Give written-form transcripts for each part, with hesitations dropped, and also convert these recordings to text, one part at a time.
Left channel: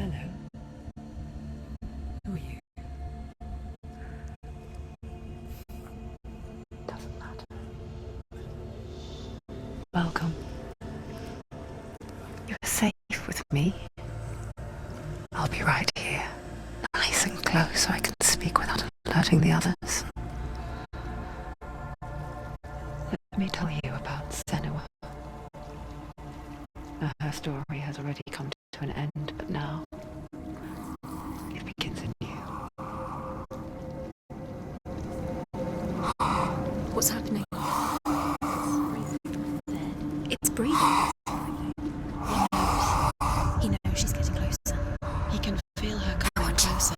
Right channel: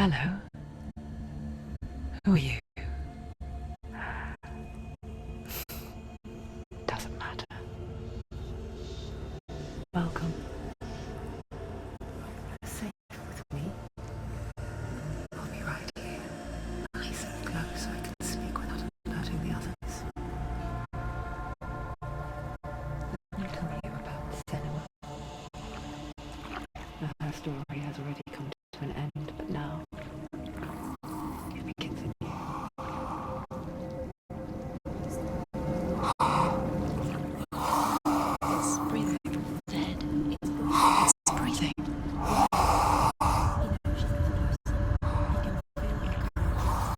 Hello. Who are you? Doesn't matter. Welcome. You're safe with me. I'll be right here, nice and close so I can speak without alerting the others. Let me tell you about Senua. Her story has already come to an end, but now it begins anew. What's happening? It's breathing. Dead. It's breathing. It's breathing. He knows she's getting closer. He can feel her coming closer.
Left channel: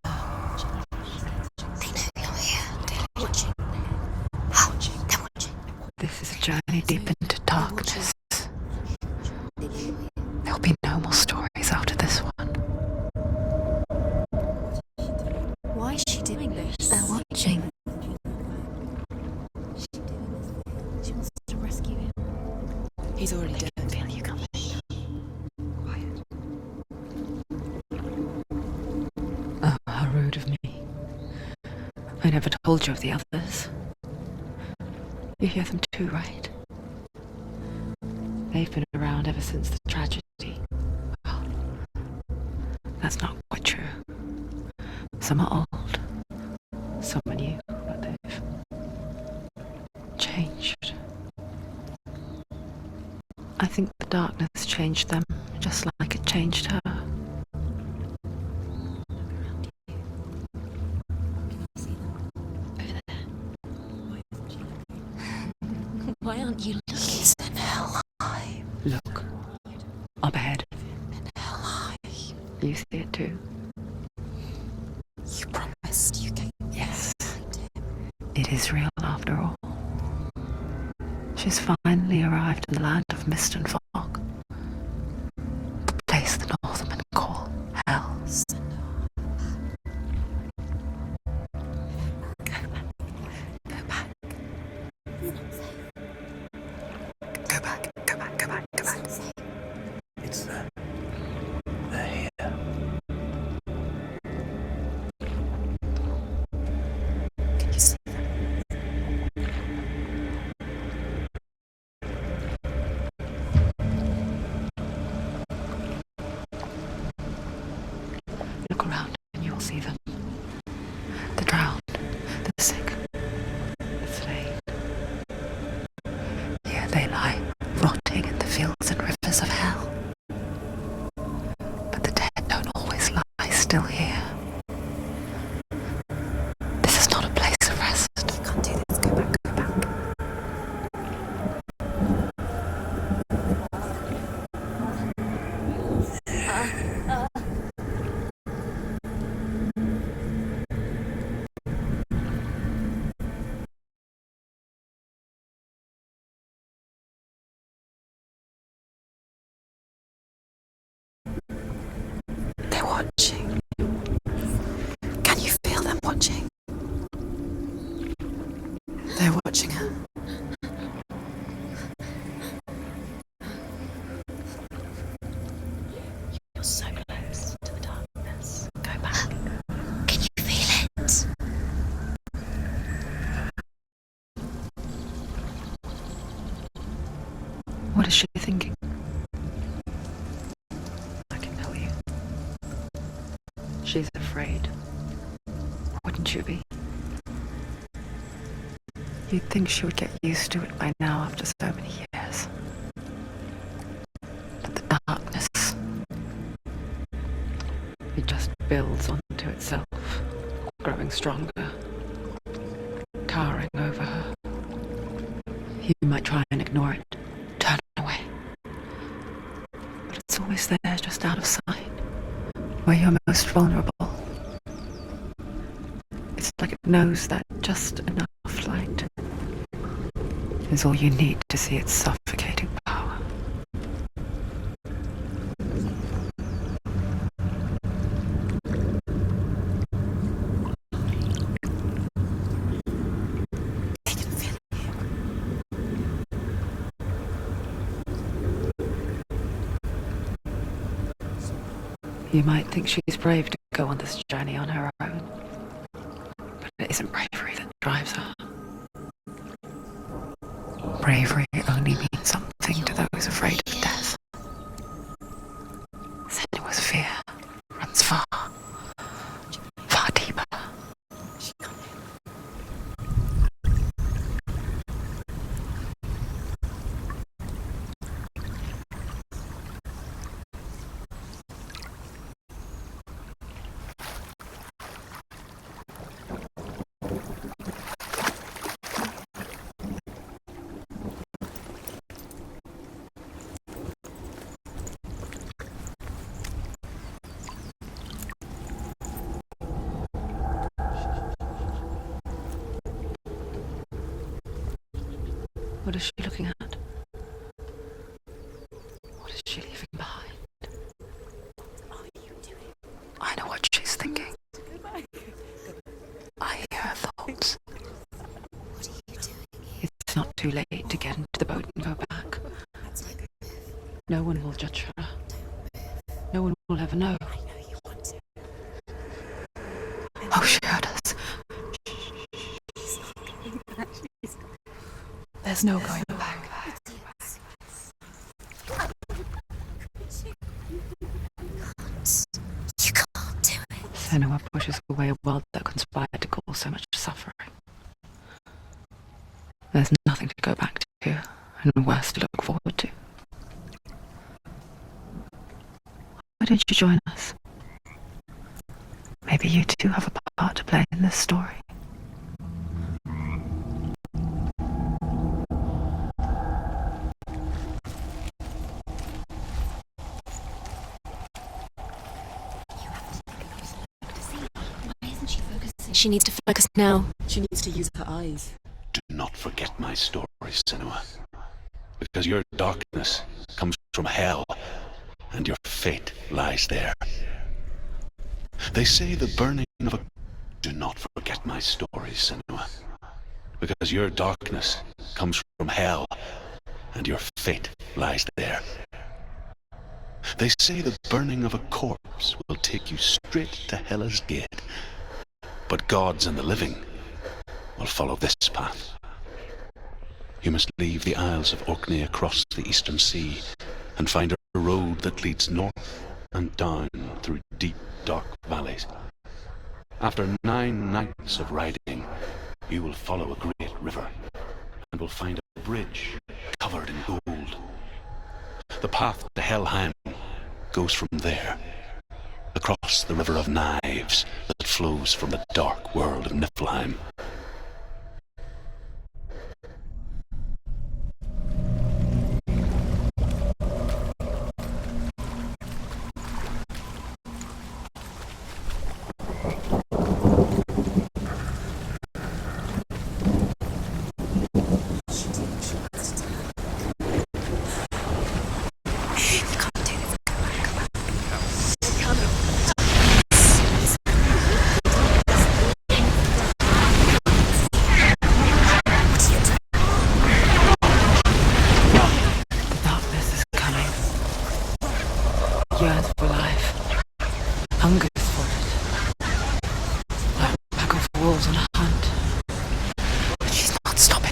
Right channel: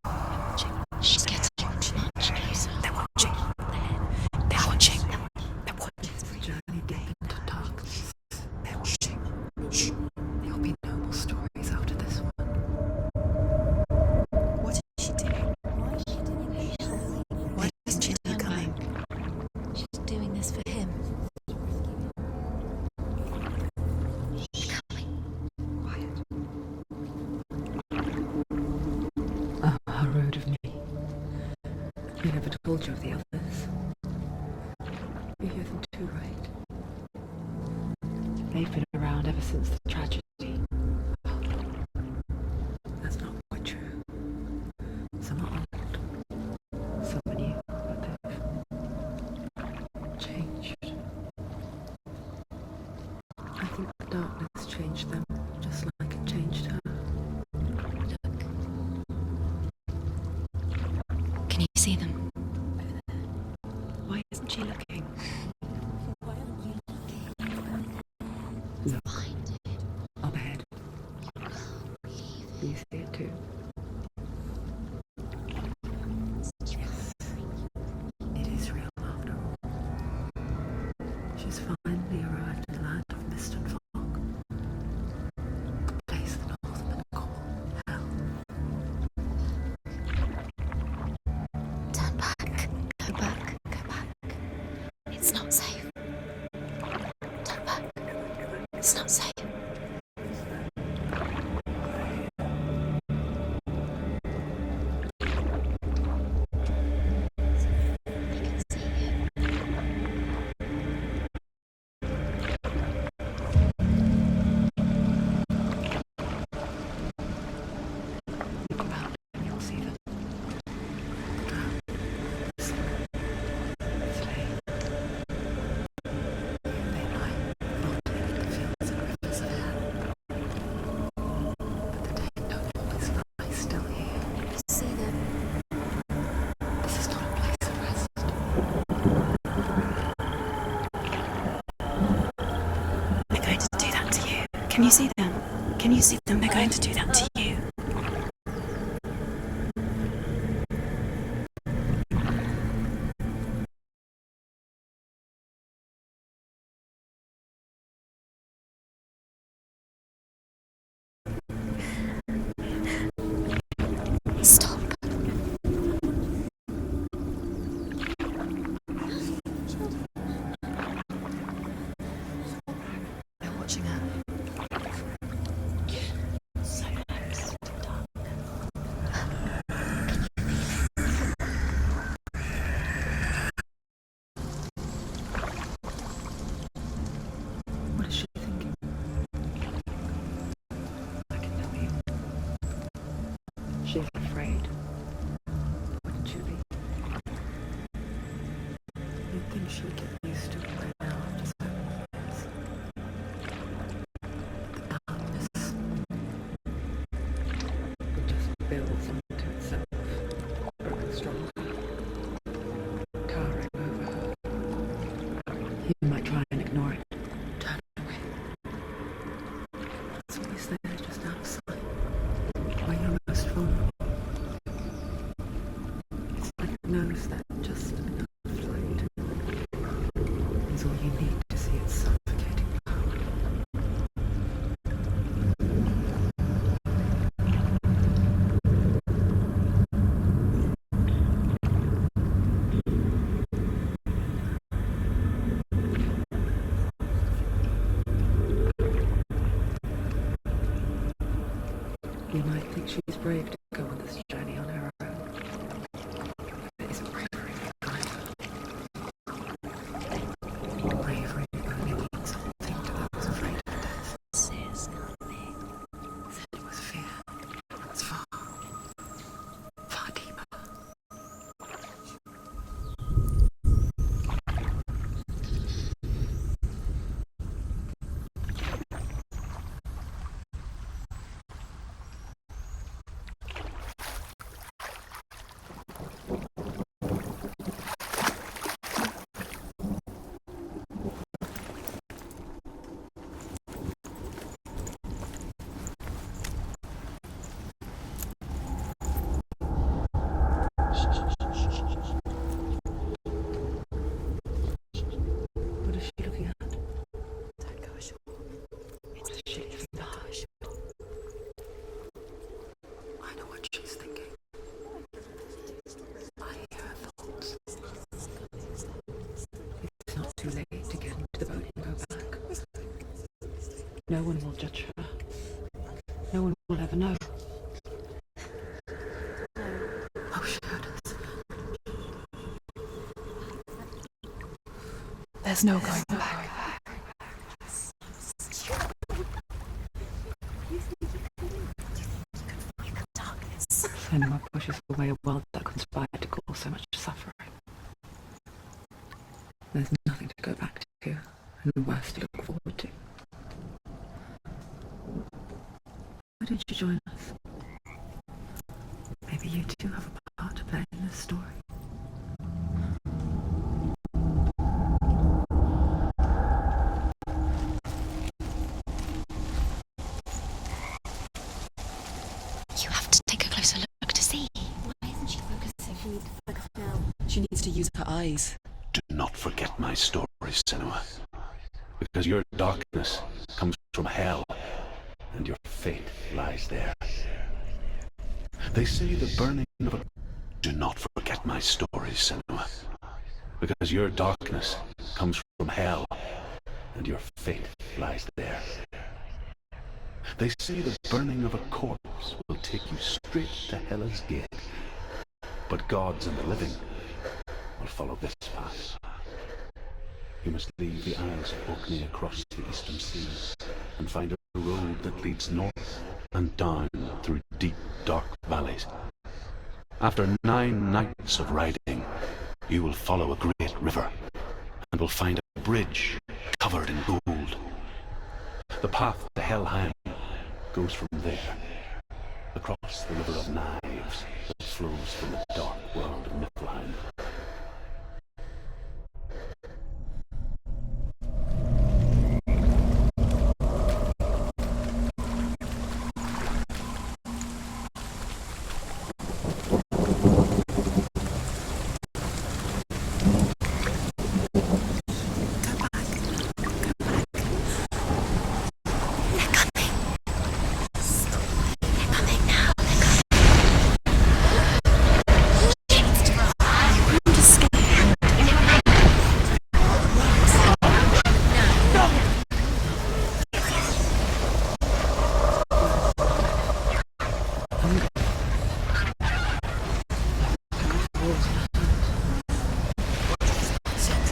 She's getting closer. They're watching. This is a journey deep into darkness. There'll be no more stories after this one. What is she doing? Why is she doing this? They're watching. Why isn't she coming? She's doing this for him. She wants to rescue him. He's already dead. I can feel you coming. Quiet. Oh, how rude of me. I never told you of the others. You hear them too, right? They've been around ever since the tragedy. Well, that's not quite true. Some are old, some are new, but they've changed. I think the darkness changed them, just like it changed her. Can you see them? Over there. Why isn't she looking? Why aren't you looking? It's in hell high. Look, up ahead. Hell high. You see it too? You promised you could. Yes. It is real after all. She's finally arrived in the land of mist and fog. The place the Northmen call hell. Turn back. Go back. Go back. It's not safe. Go back, go back, go back, go It's back. not safe. It's them. They're here. Can you see them? You can see it. Look around and you'll see them. The drowned, the sick, the slain. Here they lie, rotting in the fields and rivers of hell. But the dead don't always lie still here. You see them. This is not a place of rest. You can't do this. Go back. Go back. They're going to do that to you. Can you see them? Can you see them? They're going to do that to you. They're watching. Stop. Can you feel them watching? They're watching her. They're watching her. You're so close to the darkness. Go back. Can you feel it? What is she thinking? I can tell you. She's afraid. Wouldn't you be? You'd think she would get used to it by now after so many years. But the darkness, it just builds onto itself, growing stronger, towering over her. You might try and ignore it, turn away. But it's always there, just out of sight, where you're most vulnerable. It's like it knows that just enough light is all you need to see its suffocating power. They can feel You might think she's brave to go on this journey on her own, but it isn't bravery that drives her. Bravery only means something to those afraid of death. Senua's fear runs far, far deeper. What is she looking at? What is she leaving behind? I know what she's thinking. I hear her thoughts. It's not too late to get into the boat and go back. No one will judge her. No one will ever know. Oh, she heard us. There's no going back. You can't do it. Senua pushes away a world that conspired to cause so much suffering. There's nothing to go back to, and worse to look forward to. Why don't you join us? Maybe you too have a part to play in this story. You have to take a closer look to see. Why isn't she focusing? She needs to focus now. She needs to use her eyes. Do not forget my story, Senua. Because your darkness comes from hell, and your fate lies there. They say the burning of a... Do not forget my story, Senua. Because your darkness comes from hell, and your fate lies there. They say the burning of a corpse will take you straight to Hela's gate. But gods and the living will follow this path. You must leave the Isles of Orkney across the eastern sea and find a road that leads north and down through deep, dark valleys. After 9 nights of riding, you will follow a great river and will find a bridge covered in gold. The path to Helheim goes from there, across the River of Knives that flows from the dark world of Niflheim. Darkness is coming. Yearns for life. Hungers for it. Like a pack of wolves on a hunt. She's not stopping.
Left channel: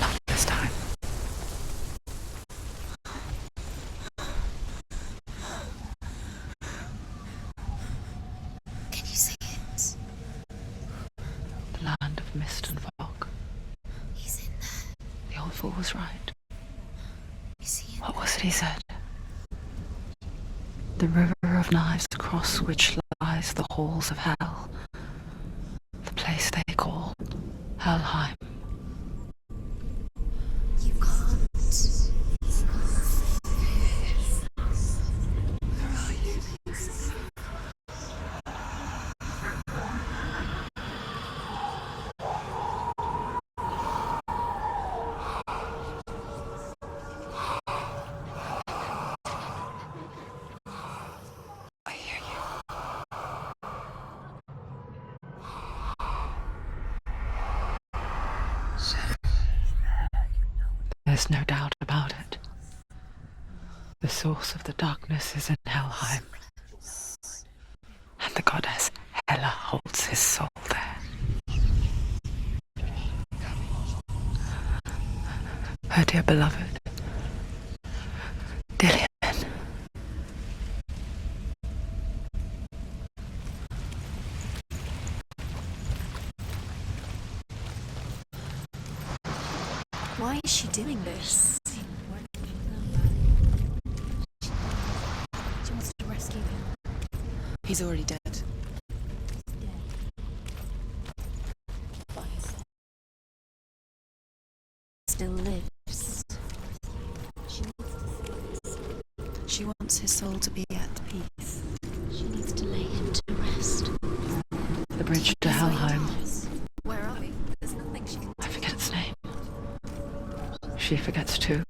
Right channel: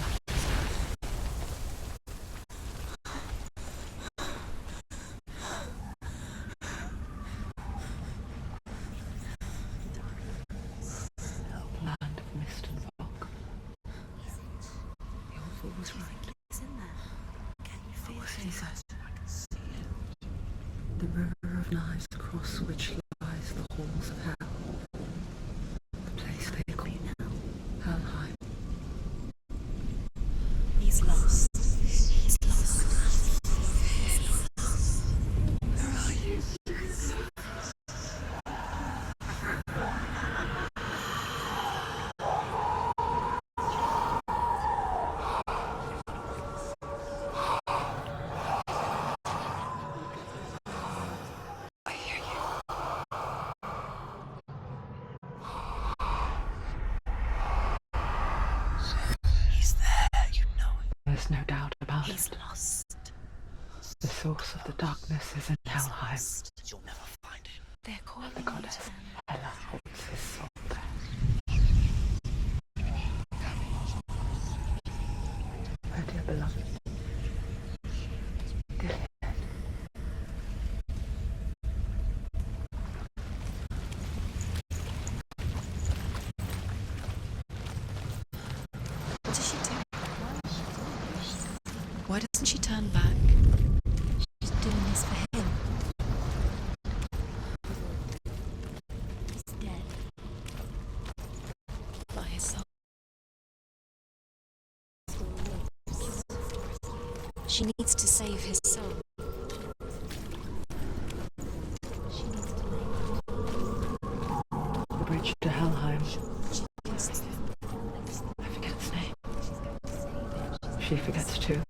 Not this time. Can you see it? The land of mist and fog. He's in there. The old fool was right. He's in there. You see him? What was it he said? The river of knives across which lies the halls of hell. The place they call Helheim. He's lost. He's lost. Where are you? There's no doubt about He's it. lost. The source of the darkness is in Helheim, and the goddess Hela holds his soul there. Her dear beloved, Dillian. What does she do? Why is she doing this? Why doesn't she turn back? She's doing this for him. She wants to rescue him. He's already dead. He's dead. But his soul still lives. She needs to save his soul. She wants his soul to be at peace. She needs to lay him to rest. The bridge to Helheim. Where are we? I forget its name. She forgets too.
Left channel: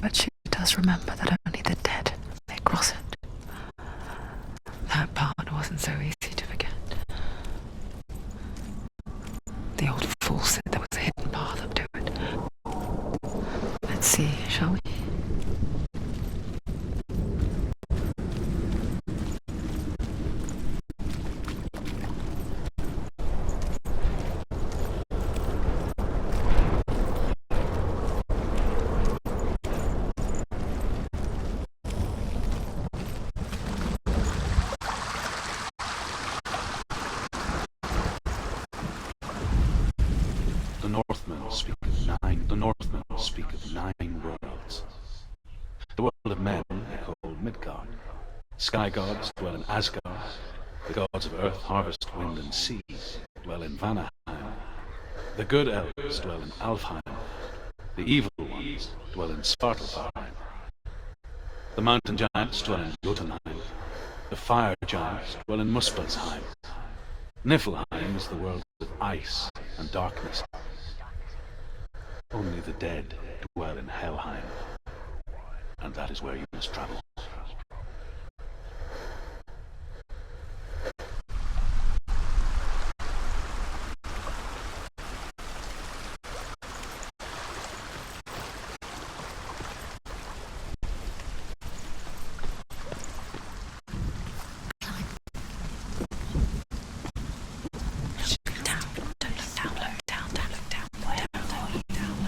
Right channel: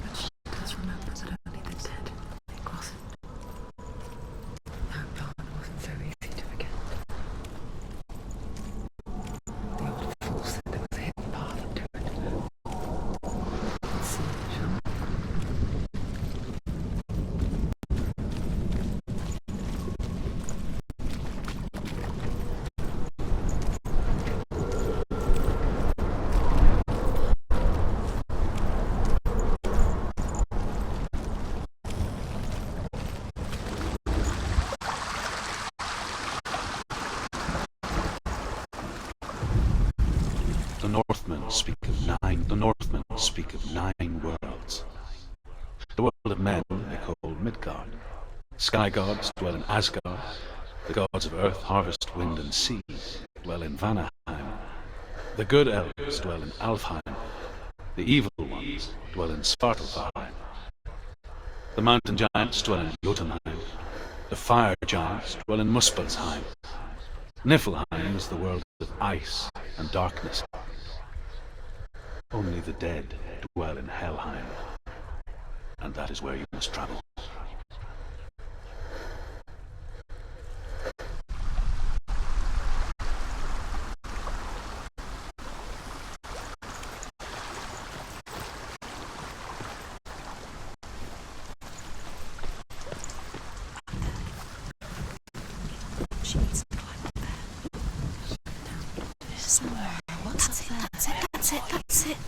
But she does remember that only the dead may cross it. That part wasn't so easy to forget. The old fool said there was a hidden path up to it. Let's see, shall we? The Northmen speak of 9 worlds. The world of men they call Midgard. Sky gods dwell in Asgard. The gods of earth, harvest, wind, and sea dwell in Vanaheim. The good elves dwell in Alfheim. The evil ones dwell in Svartalfheim. The mountain giants dwell in Jotunheim. The fire giants dwell in Muspelheim. Niflheim is the world of ice and darkness. Only the dead dwell in Helheim, and that is where you must travel.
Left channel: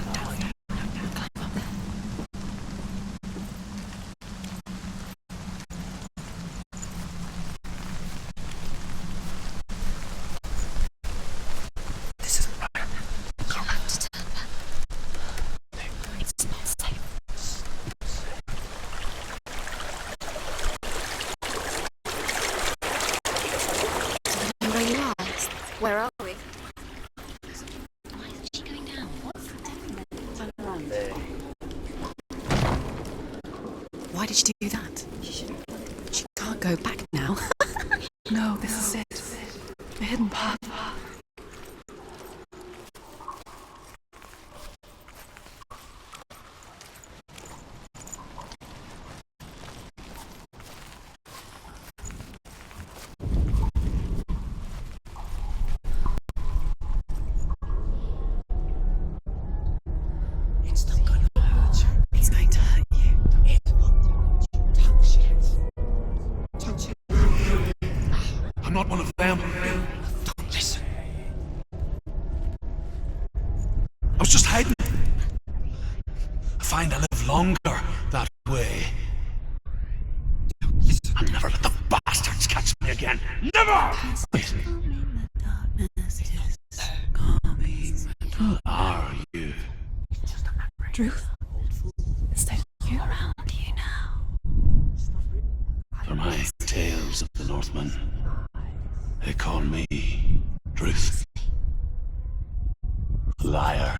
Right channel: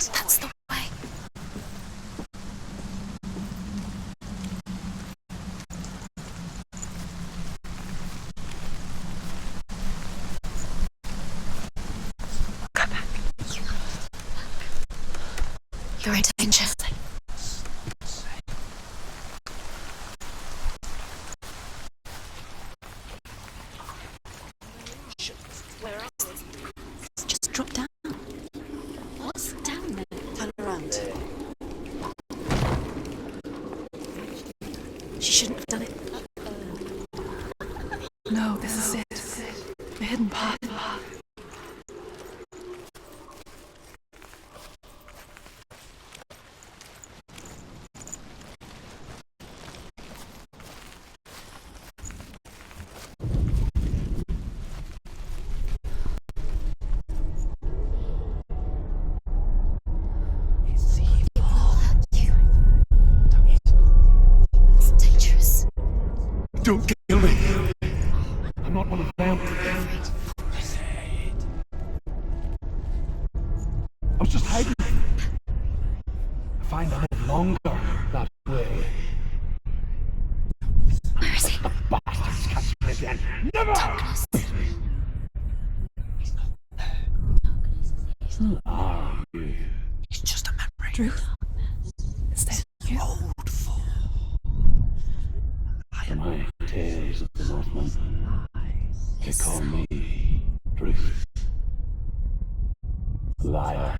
That's the way. This is what we're coming. You have to turn back. You're in danger. Where you are? Where are we? Just drop down. Why is she going down? What's down there? Turn around. Why did she do that? She shouldn't have done it. She can't go back now. No, this is it. The hidden path. He's going to hurt you. It's dangerous. Don't kill me. I'm not one of them. Listen. I was just hiding. I find I live longer that way. If the bastards catch me again. Never! Who are you? It's just a memory. Truth? Is that you? For my tales of the Northmen, they call me Truth. Liar.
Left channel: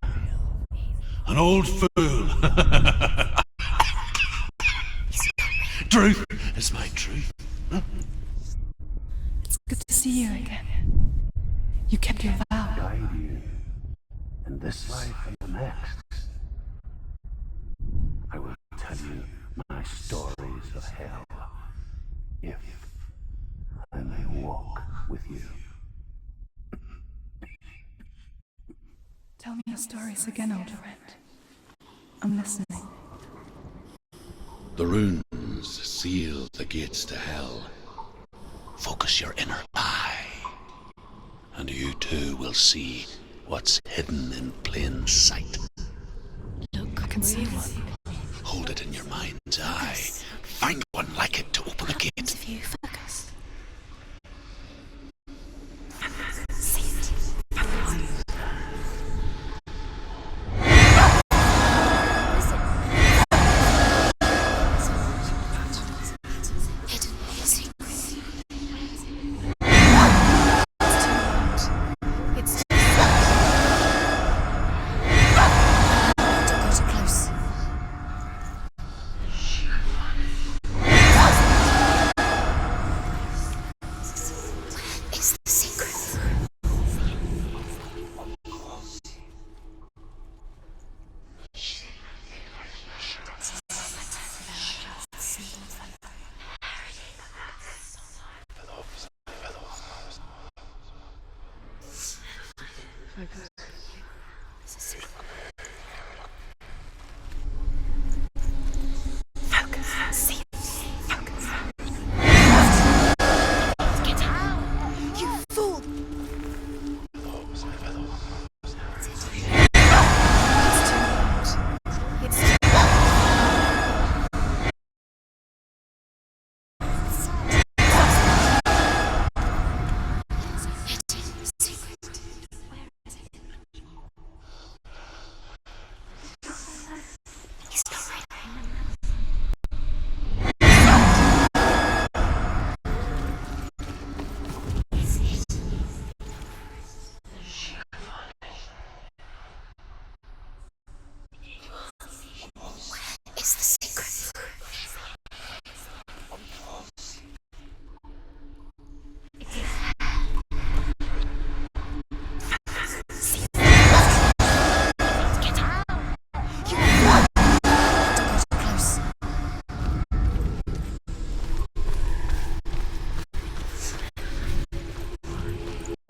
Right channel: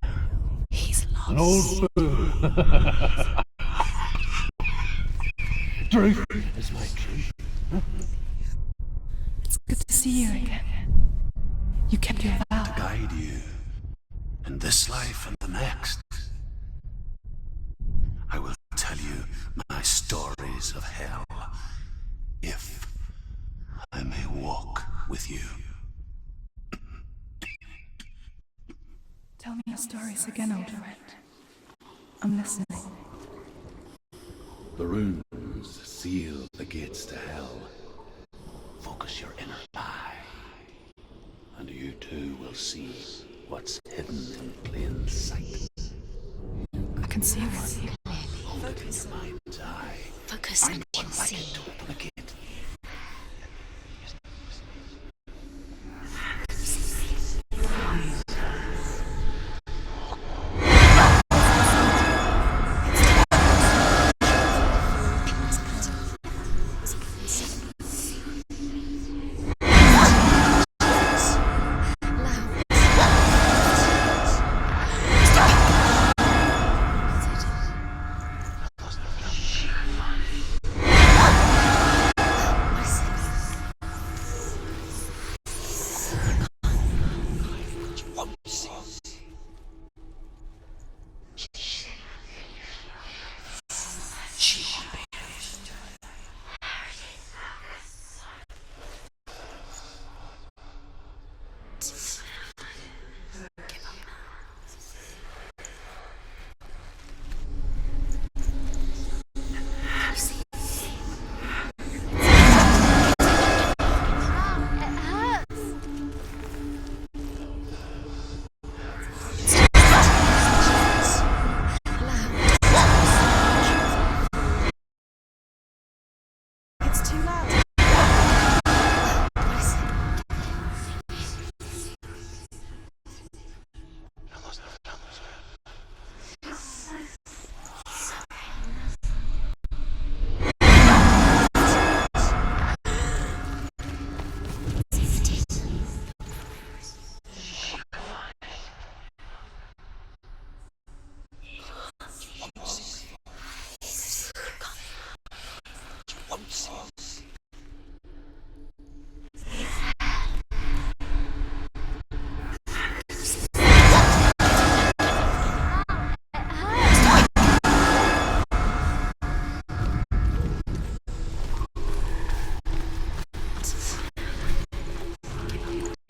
He's lost. An old fool. Truth is my truth. It's good to see you again. You kept your vow. Guide you in this life and the next. I will tell you my stories of hell, if I may walk with you. Tell me your stories again, old friend. I'm listening. The runes seal the gates to hell. Focus your inner eye, and you too will see what's hidden in plain sight. I can see one. Hold it in your mind's eye. Find one like it to open a gate. If you focus.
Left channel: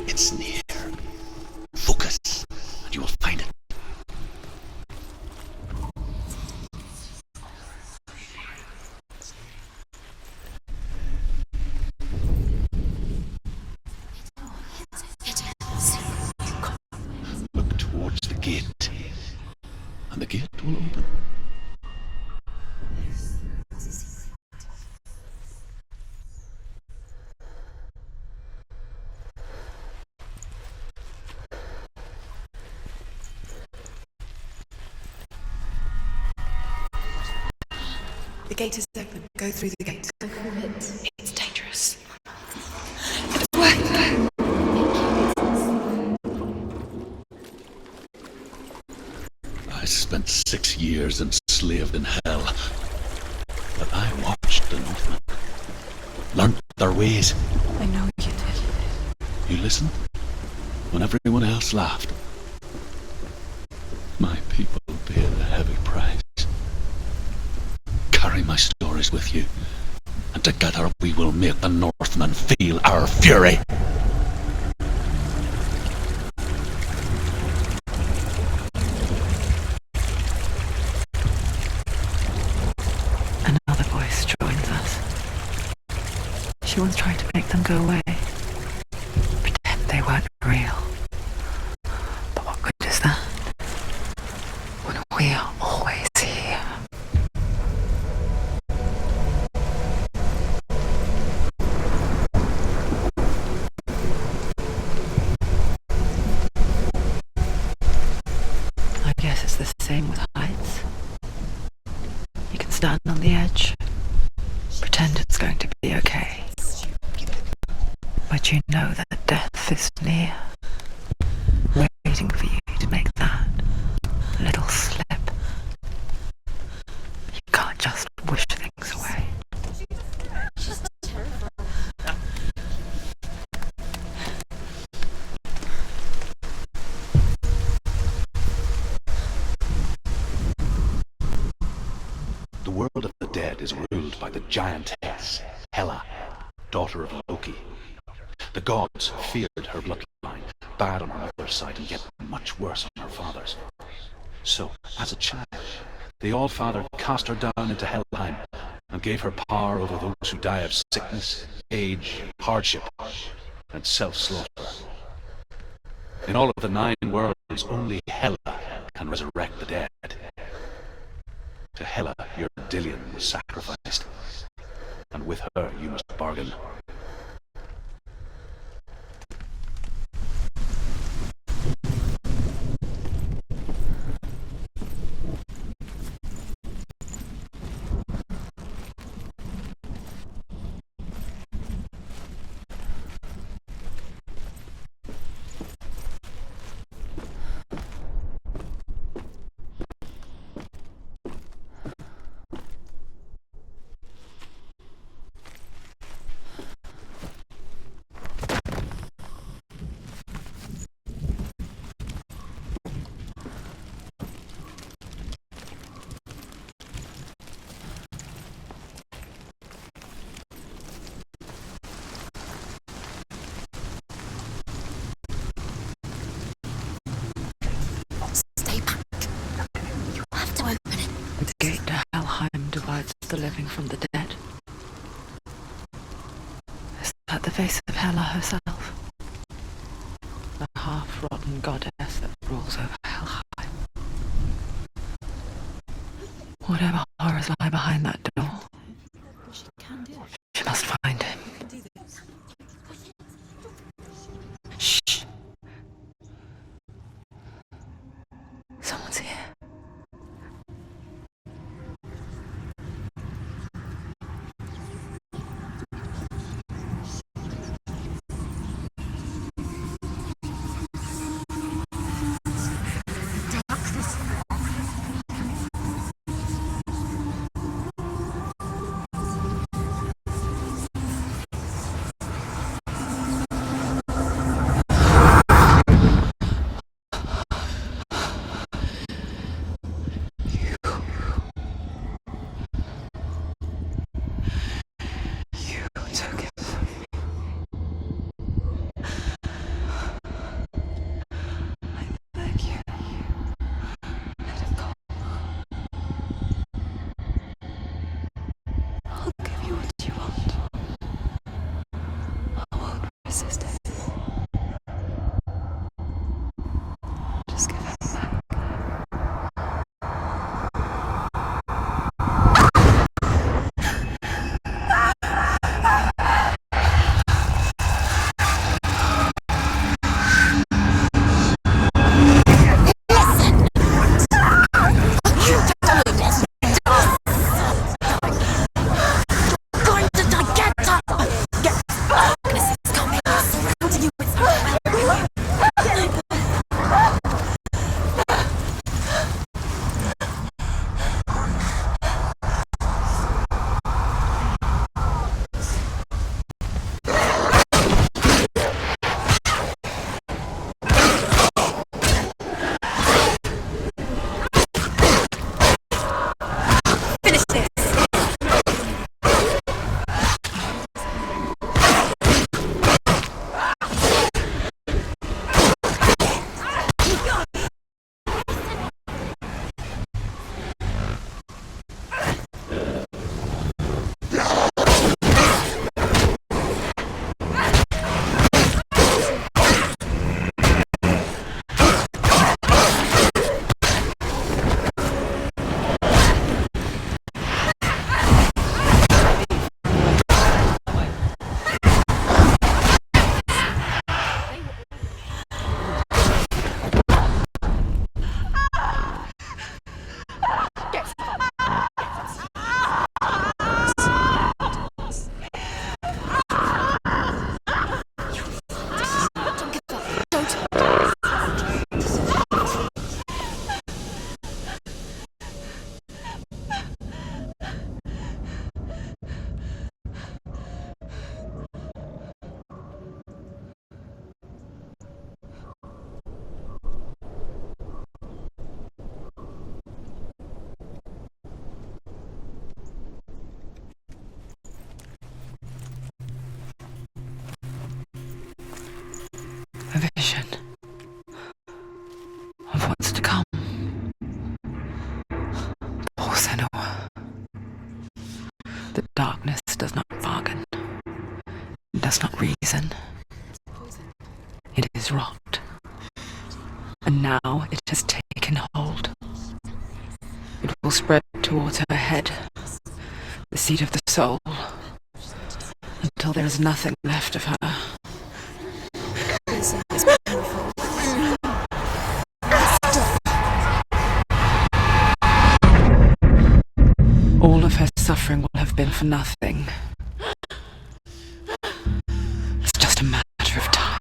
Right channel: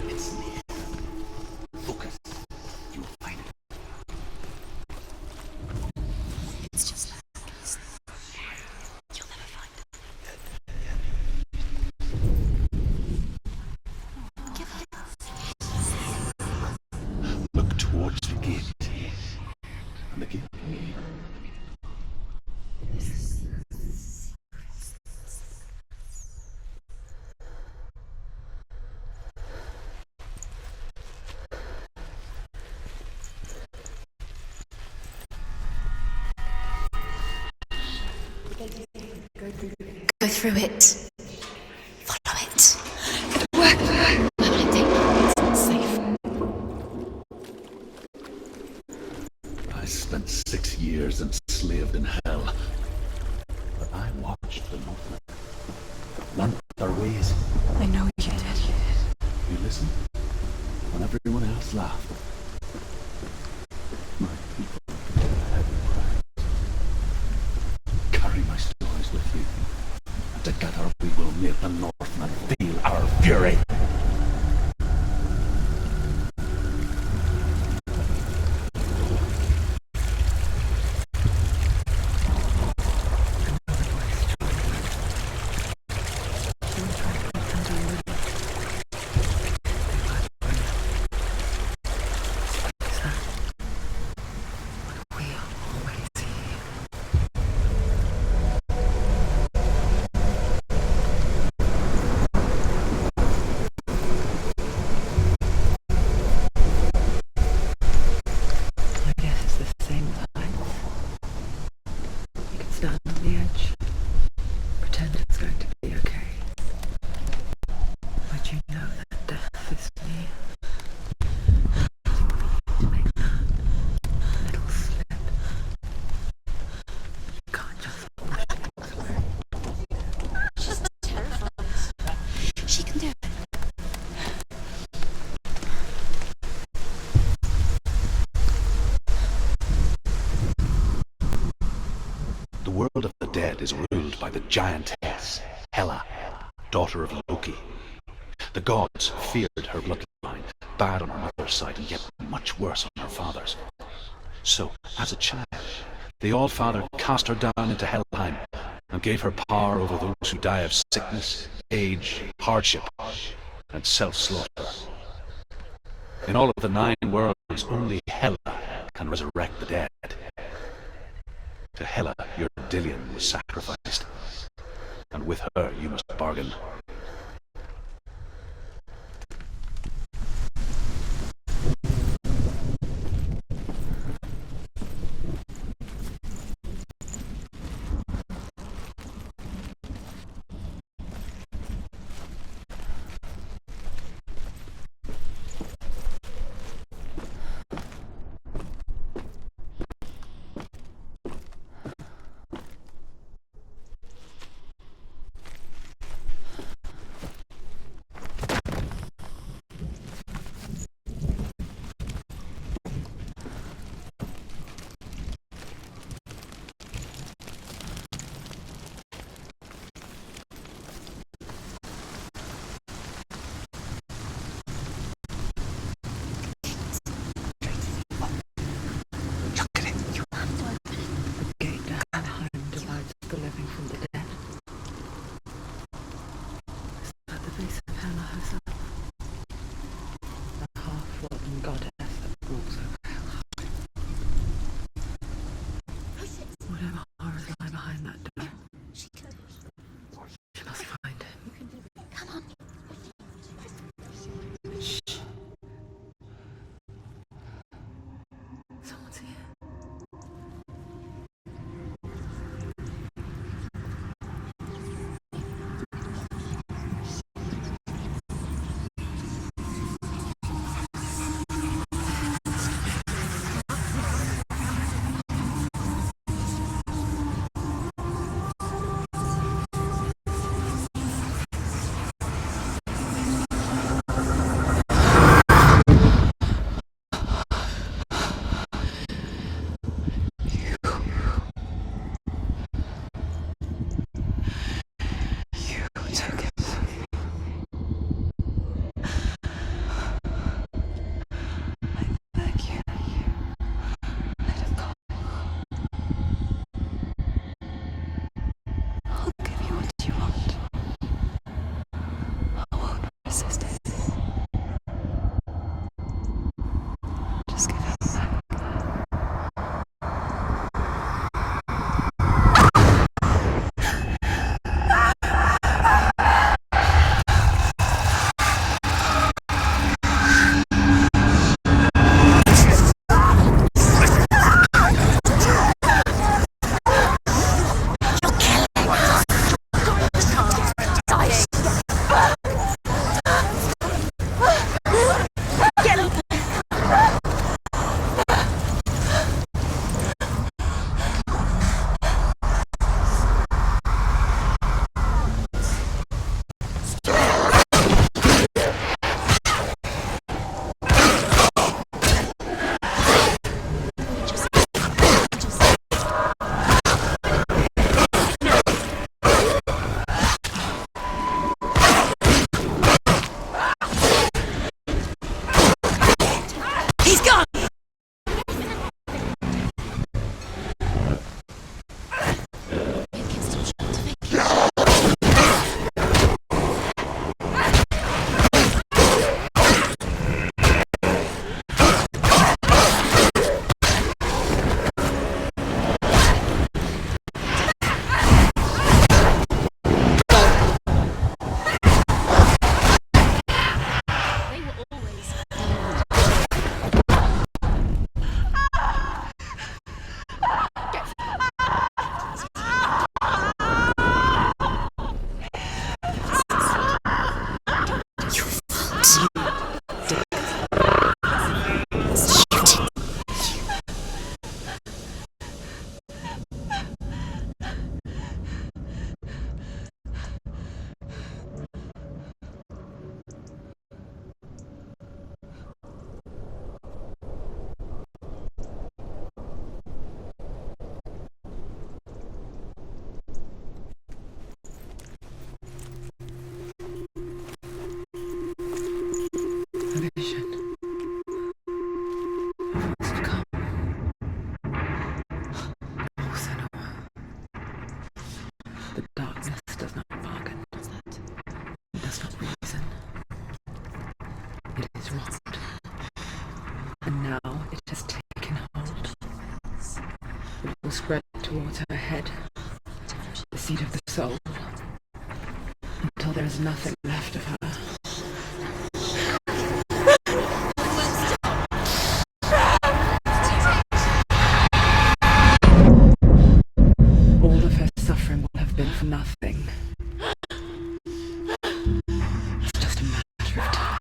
It's near. Focus, and you will find it. Look towards the gate, and the gate will open. The gate is open. Go through the gate. Go through it. It's dangerous. Follow it. It'll work. I think It's safe. I spent 6 years enslaved in hell, but I watched the Northmen, learnt their ways. I know you did. You listened when everyone else laughed. My people paid a heavy price. Carry my stories with you, and together we will make the Northmen feel our fury. Another voice joined us. She was trying to make them go away. Pretend they weren't real. But what good is that? When we are always here. I guess it's the same with heights. You can stand on the edge, pretend it's going to be okay. But you know that death is near, waiting for you to make that little slip. You can't just wish things away. she can do it. The world of the dead is ruled by the giantess, Hela, daughter of Loki. The gods feared her bloodline, bad on her mother's side, and yet much worse on her father's. So, as a child, the All-Father cast her down into Helheim and gave her power over those who die of sickness, age, hardship, and self-slaughter. In all of the 9 worlds, only Hela can resurrect the dead. To Hela, your Dillion was sacrificed, and with her you must bargain. Stay back. Look at it. You have to open it. The gate to Helheim divides the living from the dead. Is that the face of Hela herself? The half-rotten goddess that rules over Helheim. Whatever horrors lie behind that door, she must find him. Shh. Someone's here. does not bargain, it does not reason. It is wrought, and now it has taken hold. It will spread towards her head, the seat of the soul, until there is nothing left of her. All of her suffering will have been for nothing. It's just a matter of time.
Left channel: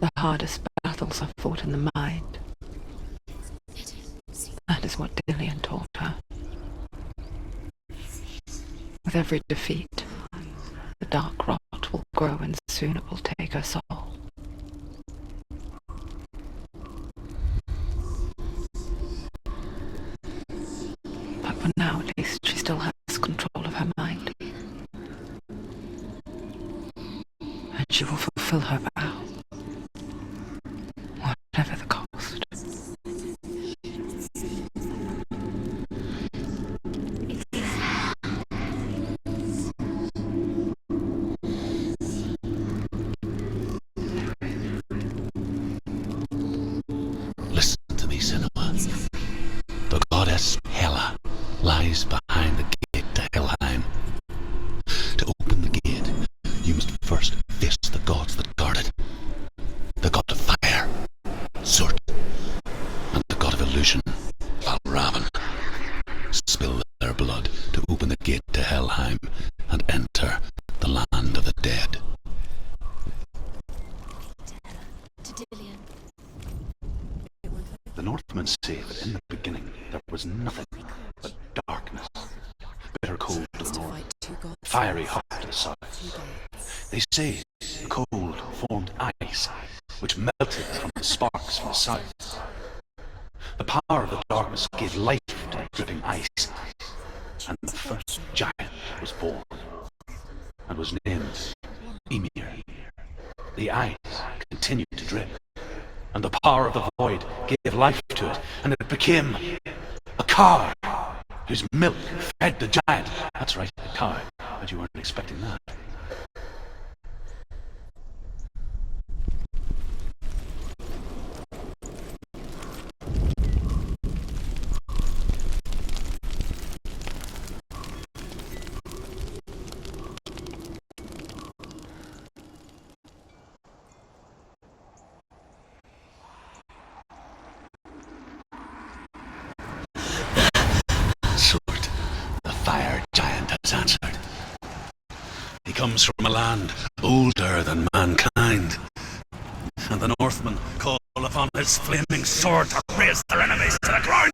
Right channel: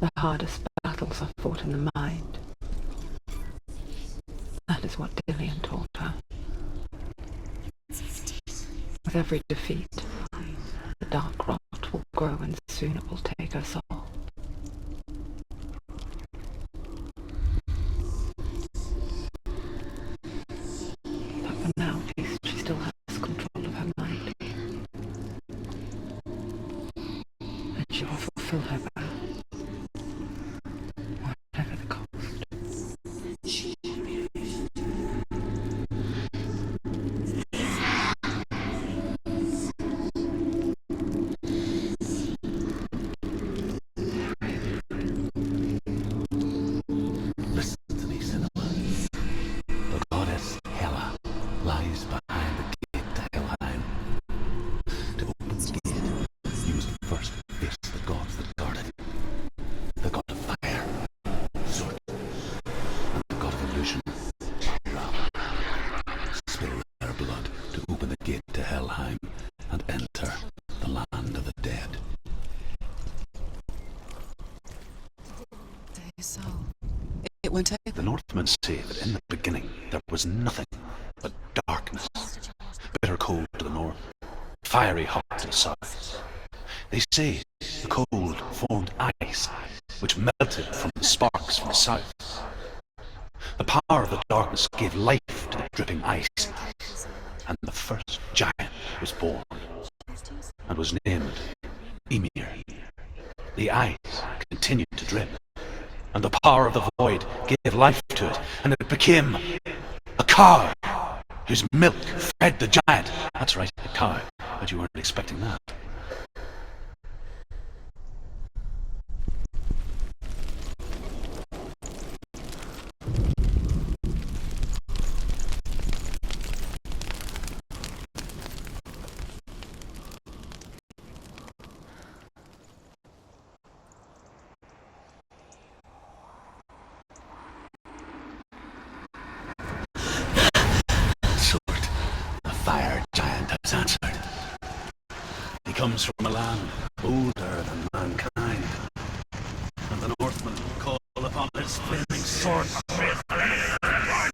The hardest battles are fought in the mind. That is what Dillian taught her. With every defeat, the dark rot will grow and soon it will take her soul. But for now, at least, she still has control of her mind. And she will fulfill her vow. Whatever the cost. Listen to me, Senua. The goddess Hela lies behind the gate to Helheim. To open the gate, you must first face the gods that guard it. The god of fire, Surt, and the god of illusion, Raven. Spill their blood to open the gate to Helheim and enter the land of the dead. It won't open. The Northmen say that in the beginning there was nothing but darkness. Bitter cold to the north, fiery hot to the south. They say the cold formed ice, which melted from the sparks from the south. The power of the darkness gave life to the dripping ice, and the first giant was born, and was named Ymir. The ice continued to drip, and the power of the void gave life to it, and it became a cow, whose milk fed the giant. That's right, a cow, but you weren't expecting that. Sword, the fire giant has answered. He comes from a land older than mankind, and the Northmen call upon his flaming sword to raise their enemies to the ground.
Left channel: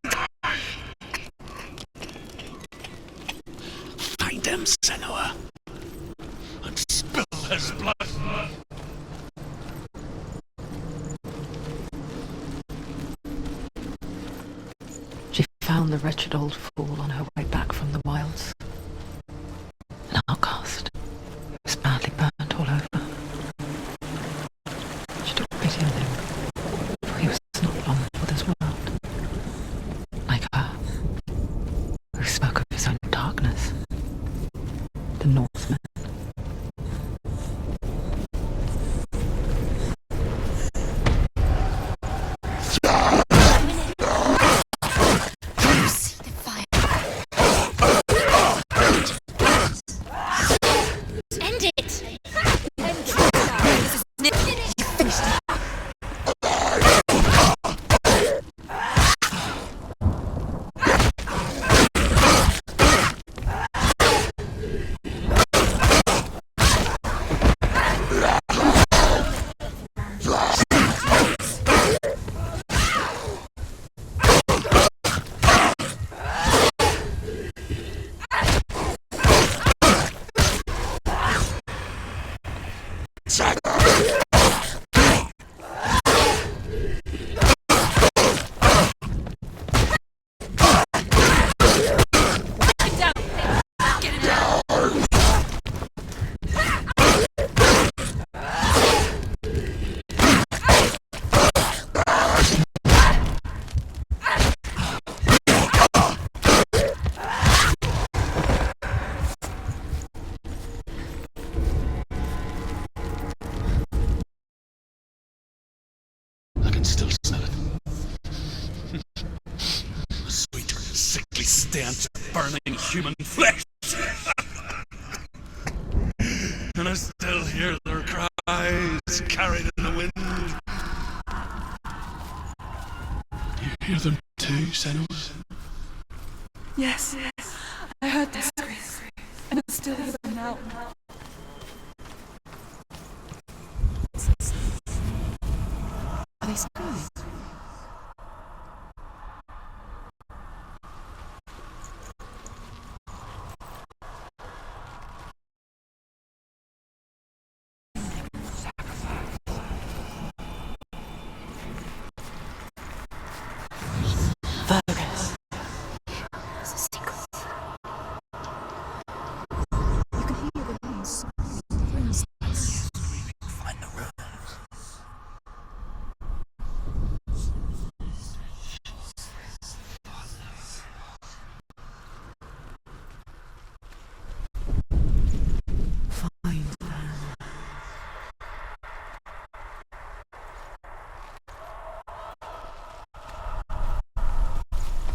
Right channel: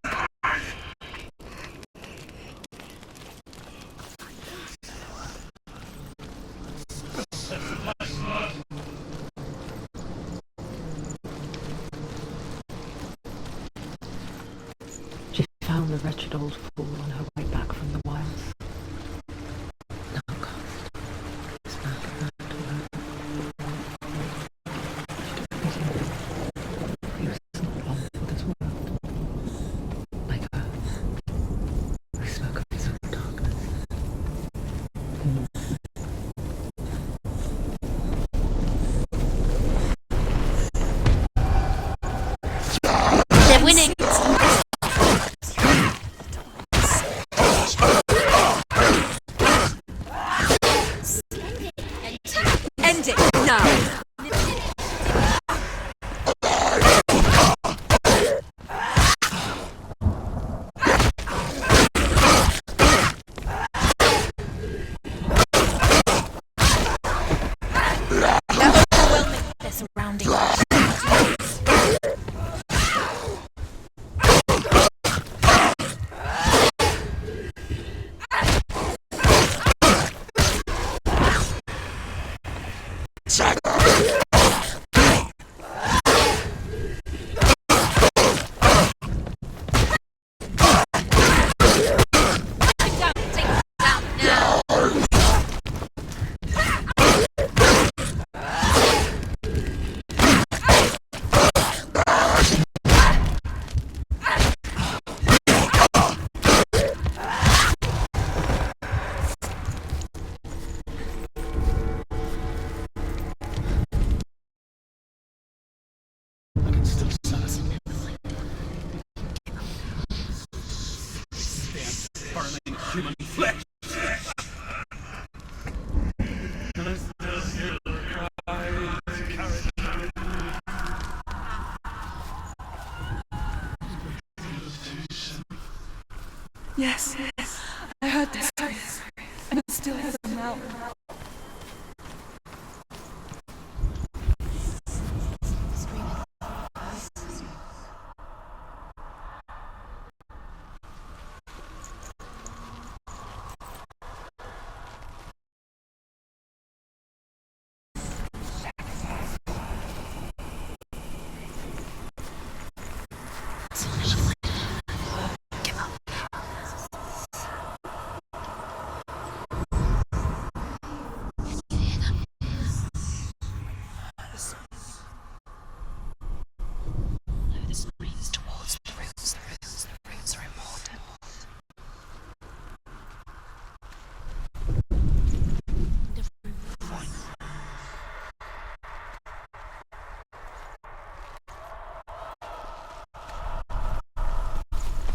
Find him, Senua, and spill his blood. She found the wretched old fool on her way back from the wilds. An outcast. He was badly burnt all over. She took pity on him, for he was not long for this world. Like her, who spoke of his own darkness. The Northman. Winning! scent of burning human flesh. And I still hear their cries carried in the wind. You hear them too, Senua? Yes, I heard their screams, and I still hear them now. Are they screaming? Virus. Give up. There's a secret. Find the rose. Follow the screams towards the rose. The rose are immortal. Find them.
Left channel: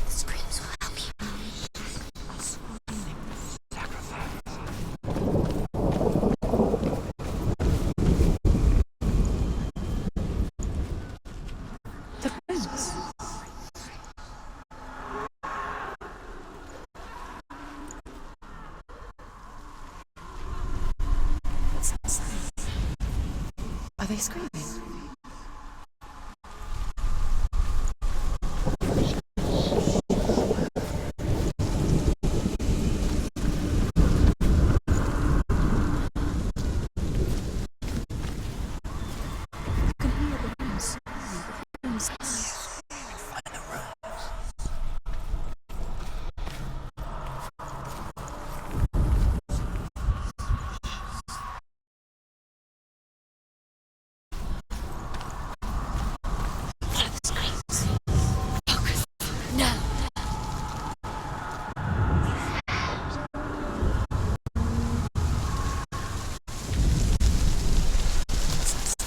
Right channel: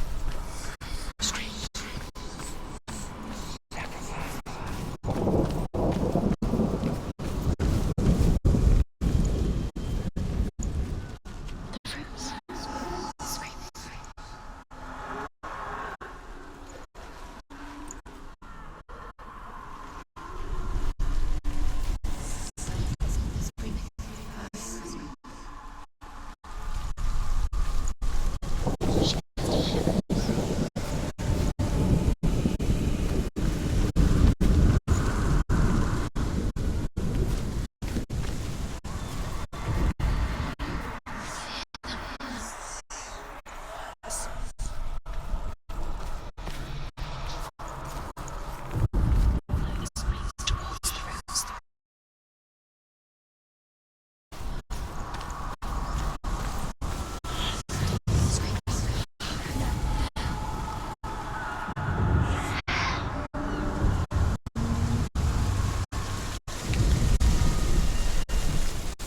Screams will help you. Screams. Are they screaming?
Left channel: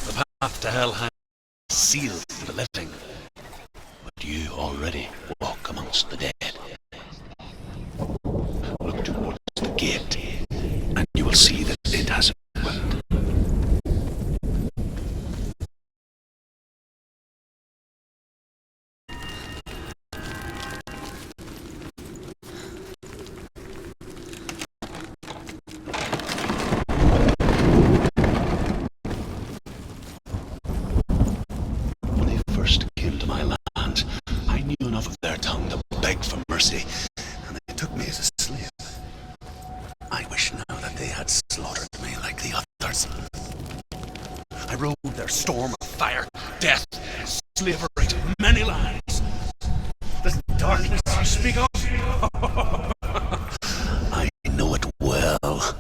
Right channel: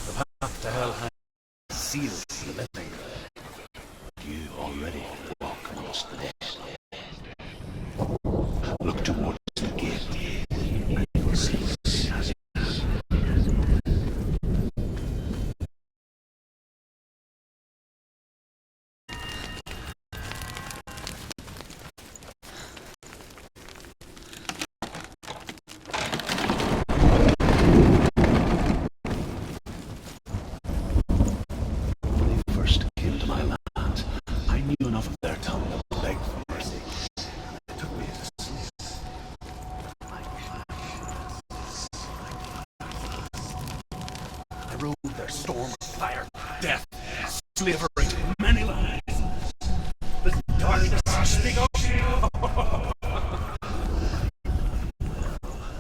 The path to hell hangs sealed for the living, but you already walk amongst the dead. Look towards the gate, and you will see that it has opened. When they first came to my lands, I knew enough of their tongue to beg for mercy, and they took me as a slave. I wish now that they had slaughtered me like the others. I rode their storm of fire, death, slavery, many lies. This darkness you speak of, I know it well.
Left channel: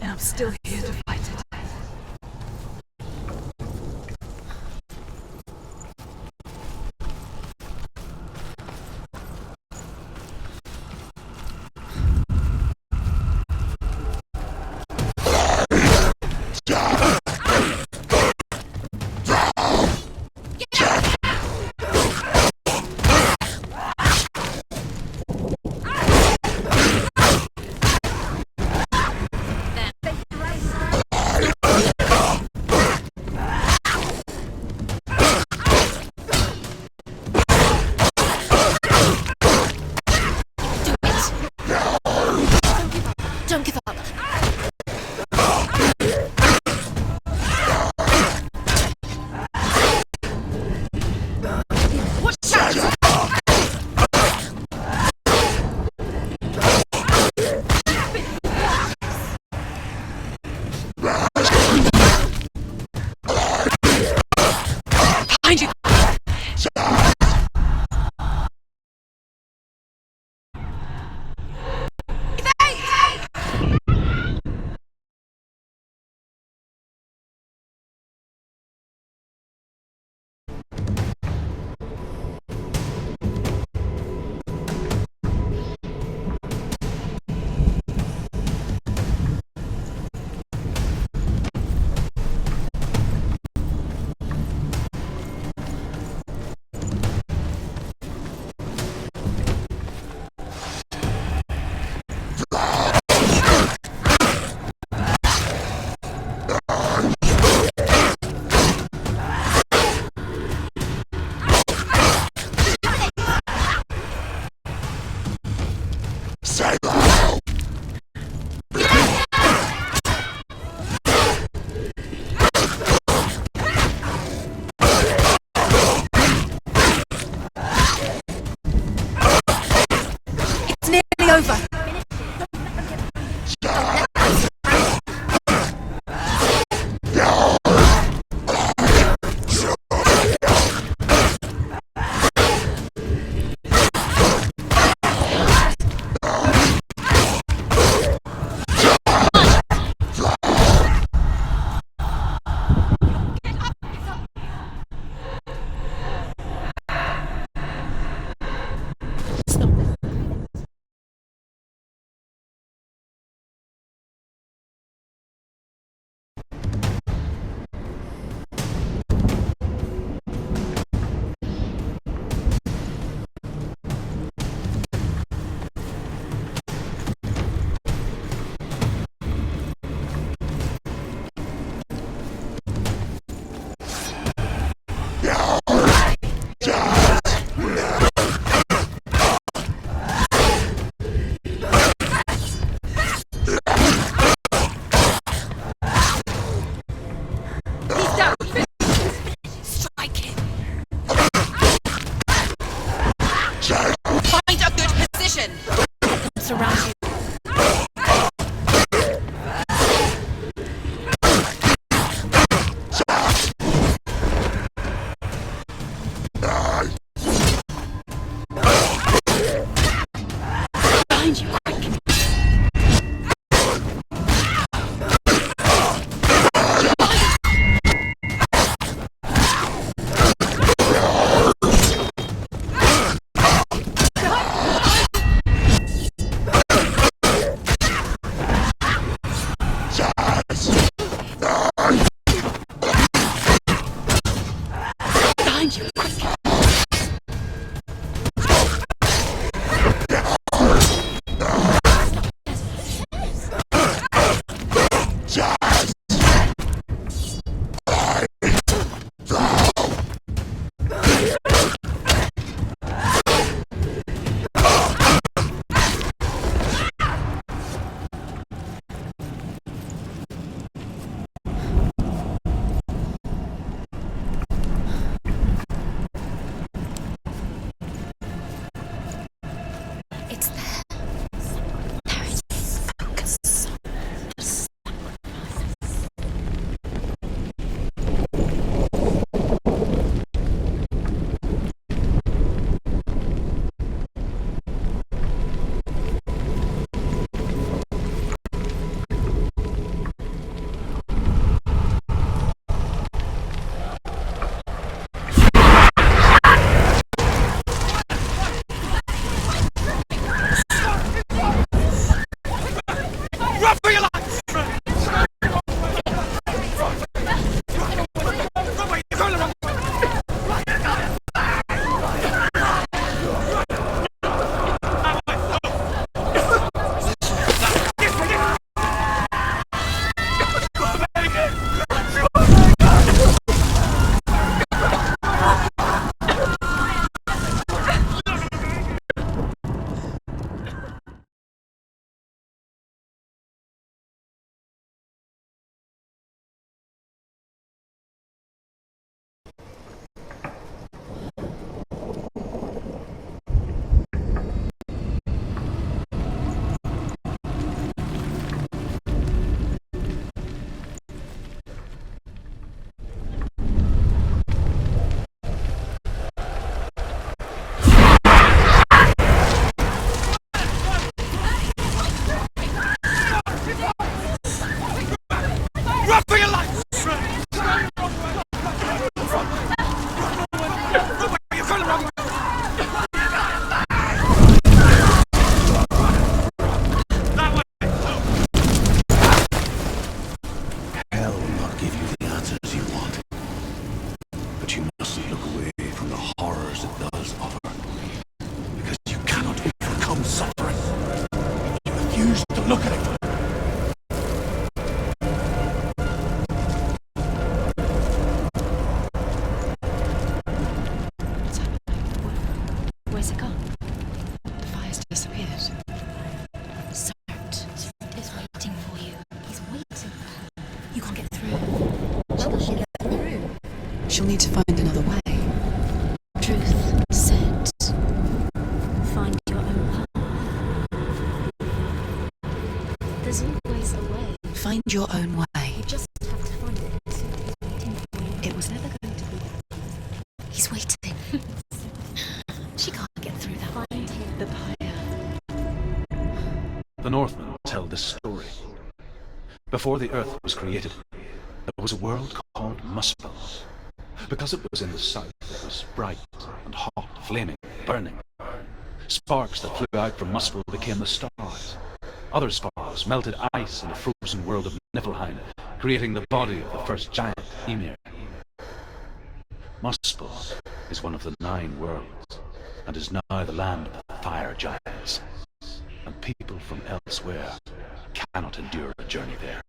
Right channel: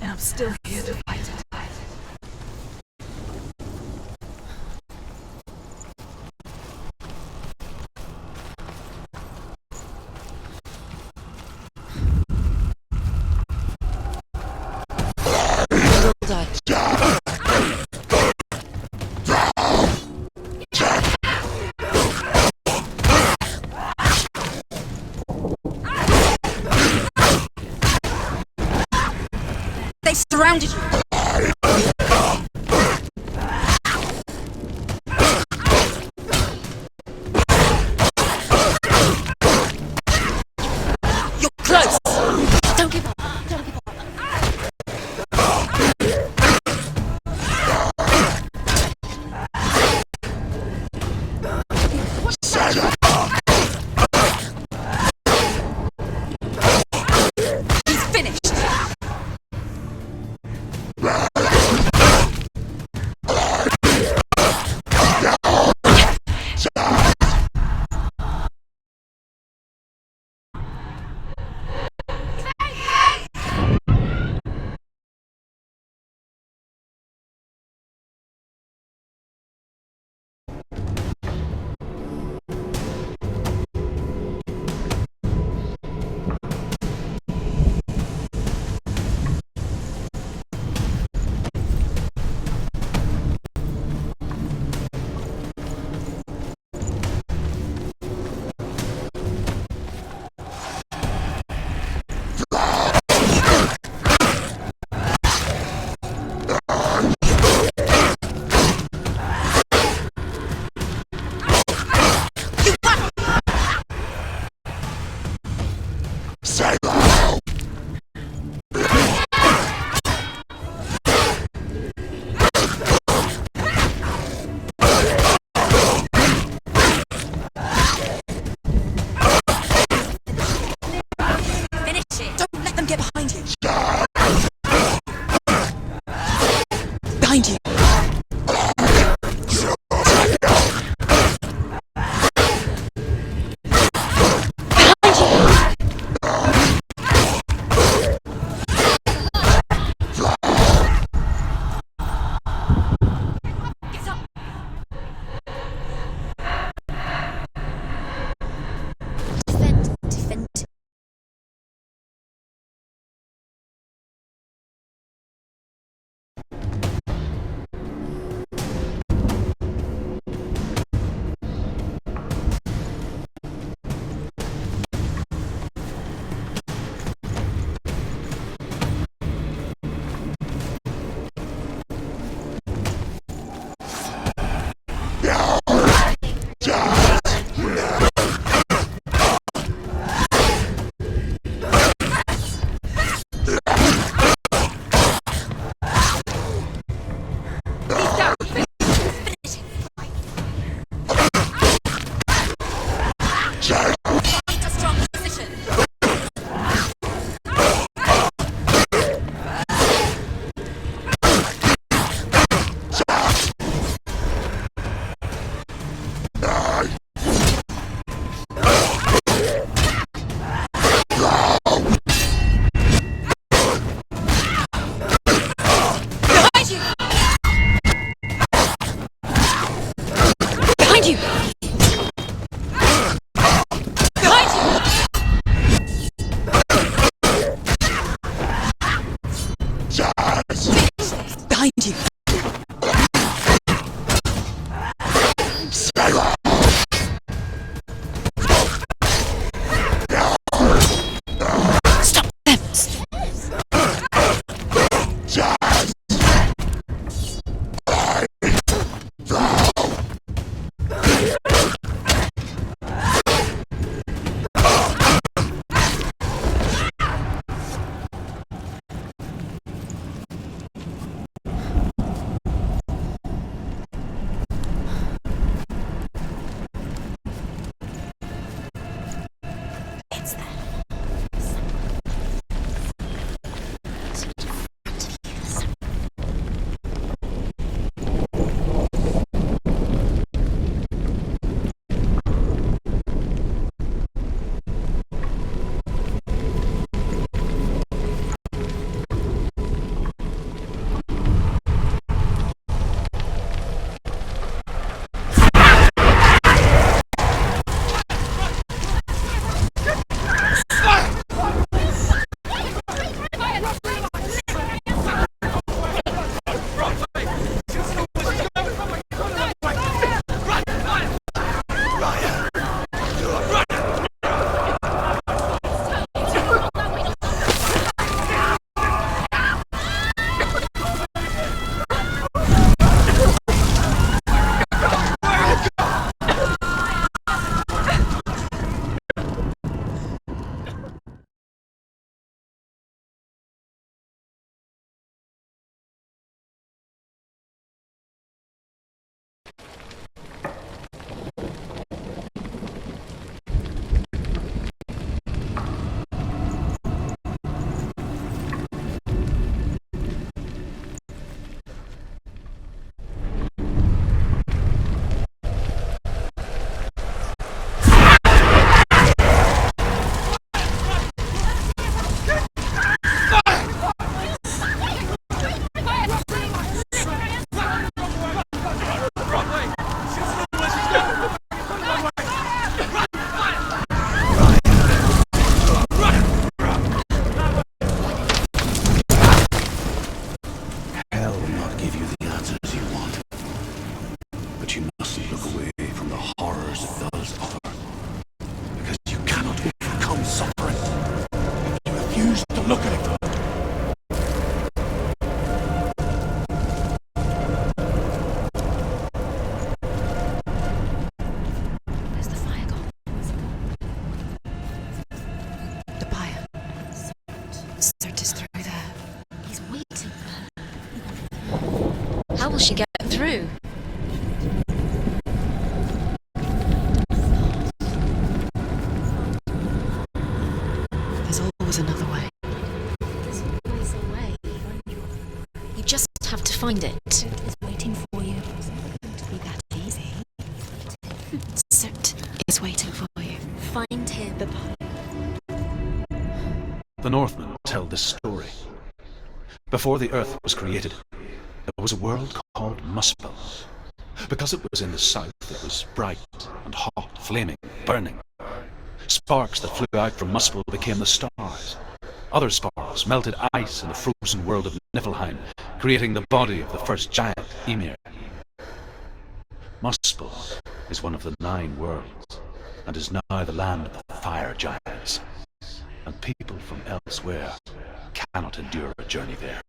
And I'm still here to fight it. They surrounded you. You're close. Don't give up. Don't give up. He's finished. It's nearly over. Finish it. Don't let them get behind you. Behind you. Find us your position. Surround. refuse to look at it. Where's the fire gone? Where's it gone? The fire's disappeared. The pyre. Find your own way. You just have to find it. He's waiting for you. It was never going to be that easy. He's waiting. Soot He's waiting for you. Find him. The pyre. The Northmen tell this story. Before the earth was created, there was a world called Muspel. Because it was in the south, it was bright and hot, flaming, burning. Sparks that flew out from Muspel became the stars. Other sparks melted ice in the frozen world of Niflheim, creating the body of the first giant, Ymir. Muspel is one of the 9 worlds, and is now the land of the fire giants. And people from elsewhere cannot endure a journey there.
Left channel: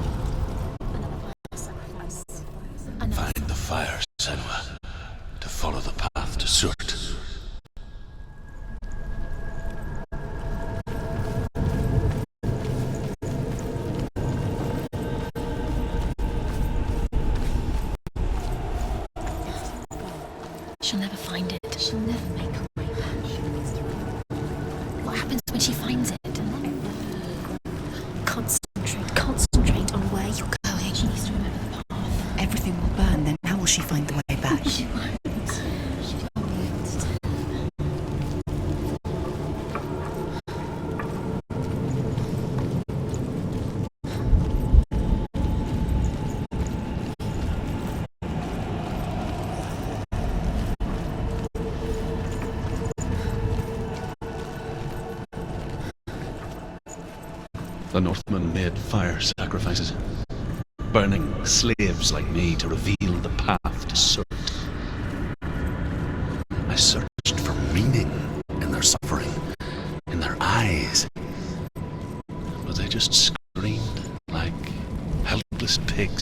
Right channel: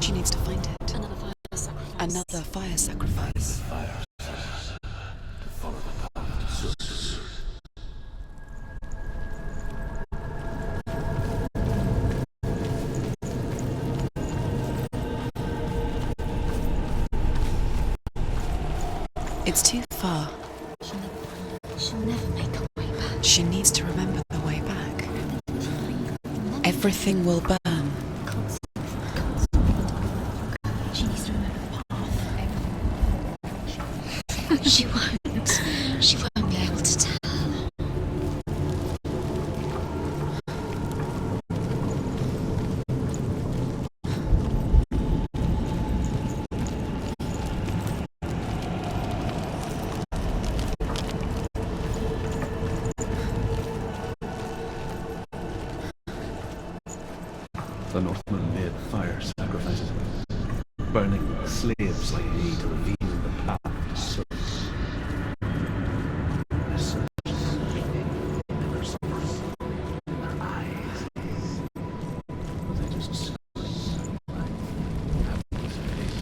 She needs to find it. Another fire sacrifice. Another fire sacrifice. Find the fire, Senua, to follow the path to Surt. It's too far. She'll never find it. She'll never make her way back. She needs to remember the way back. What happens when she finds it? Everything will burn. Concentrate on where you're going. She needs to remember the path. Everything will burn. Then how will she find the way back? She won't. She won't be able to tell. The Northmen made fire sacrifices, burning slaves like me to reveal the path to Surt. I searched for meaning in their suffering, in their eyes. But they just screamed like helpless pigs.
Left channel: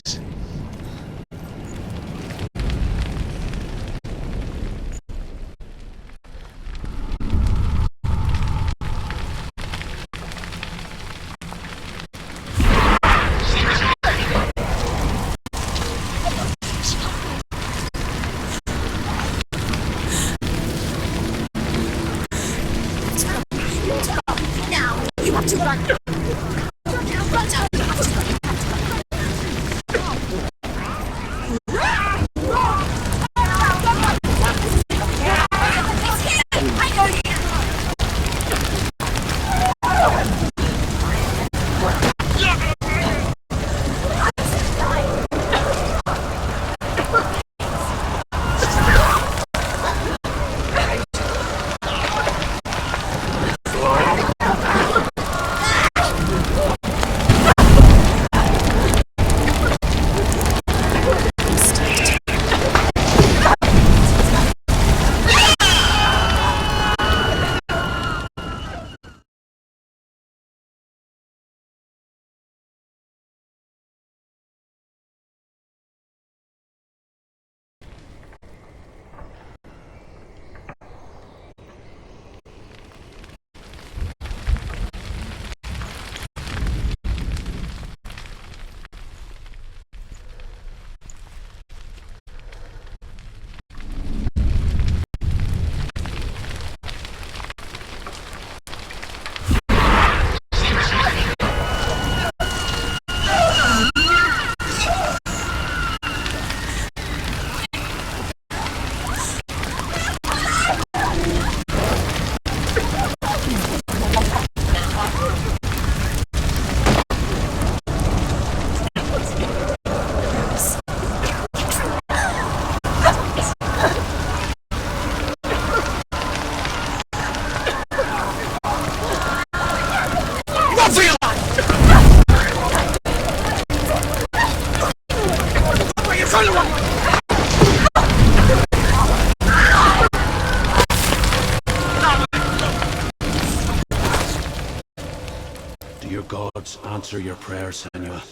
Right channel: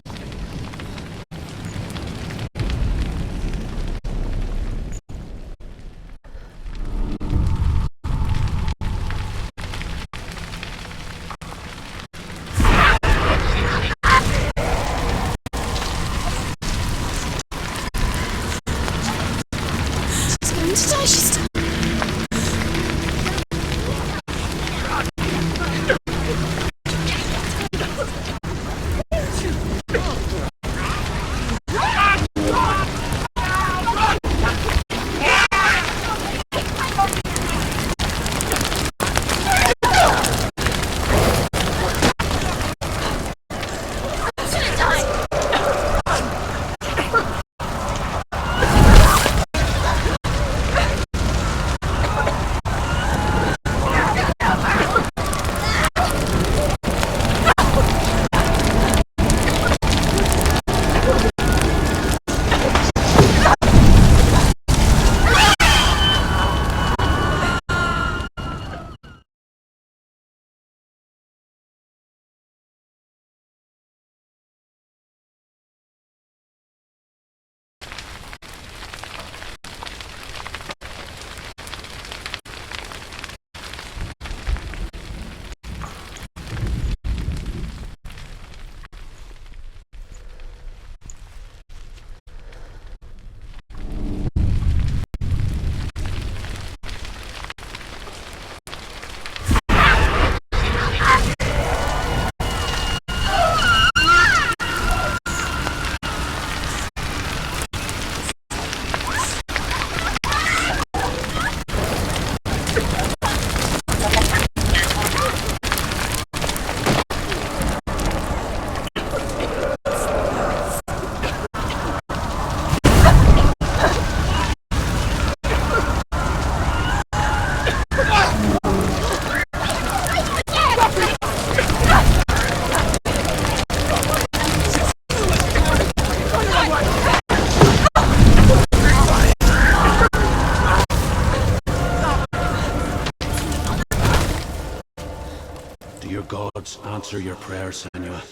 gods answer your prayers, Senua?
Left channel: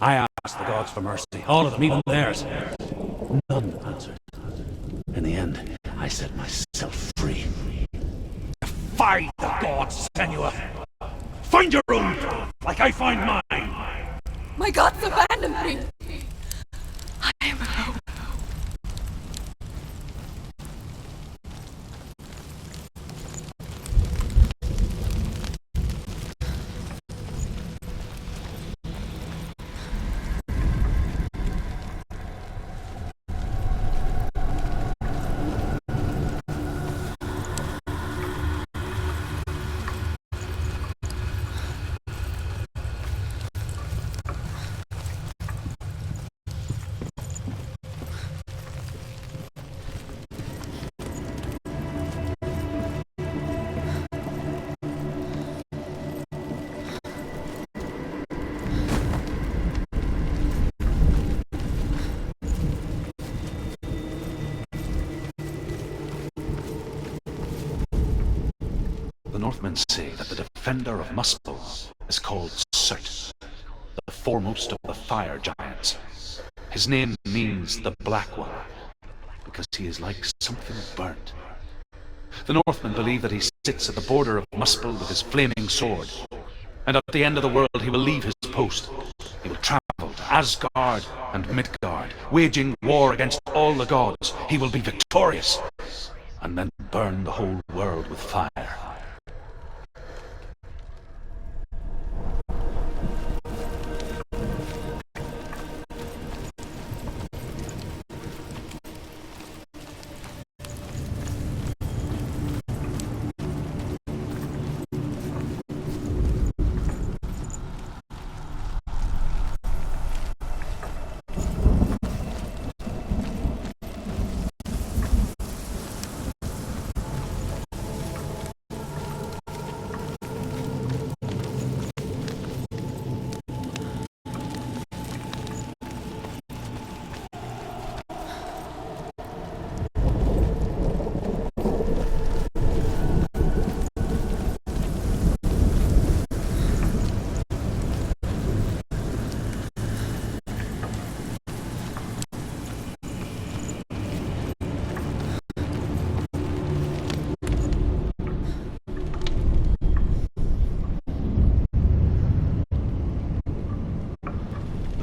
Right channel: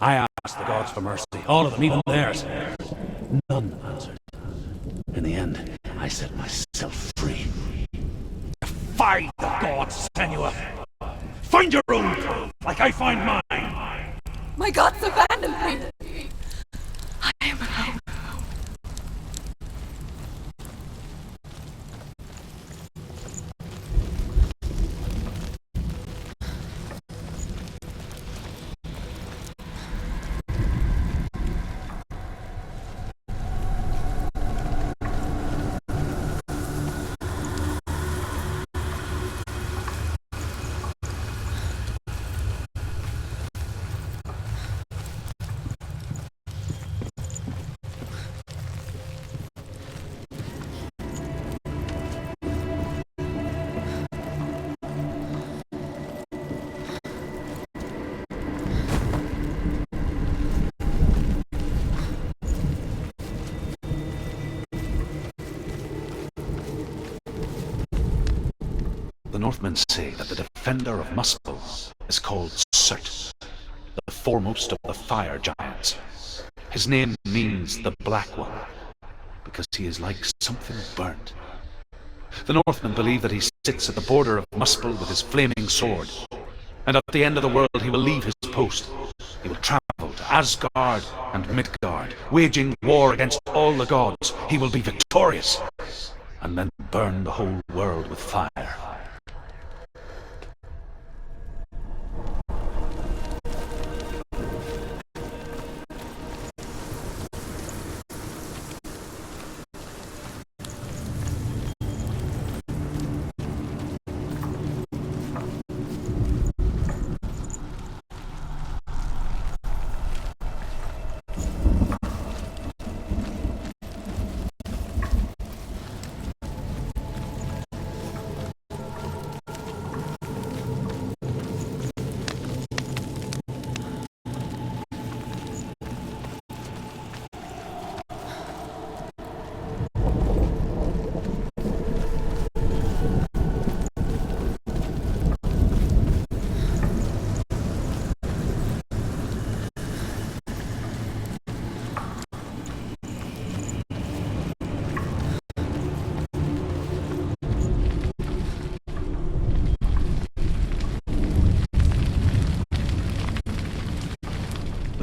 I asked the gods for mercy, all of them, even theirs. None answered. In the end, I set myself free. Defy the gods, Senua! Find your own path, like I find mine! My gods abandoned me! I am alone. The Northmen say that the defender of Muspel is called Surt, the foremost of the fire giants. His name means the Black One, because he is like something burnt. The Northmen believe that he sits at the border of Muspel with his flaming sword, and at the end of the world he will leave his post. He will travel to Asgard and Midgard, waging war against all the gods. He will be victorious, and then burn the whole world with fire.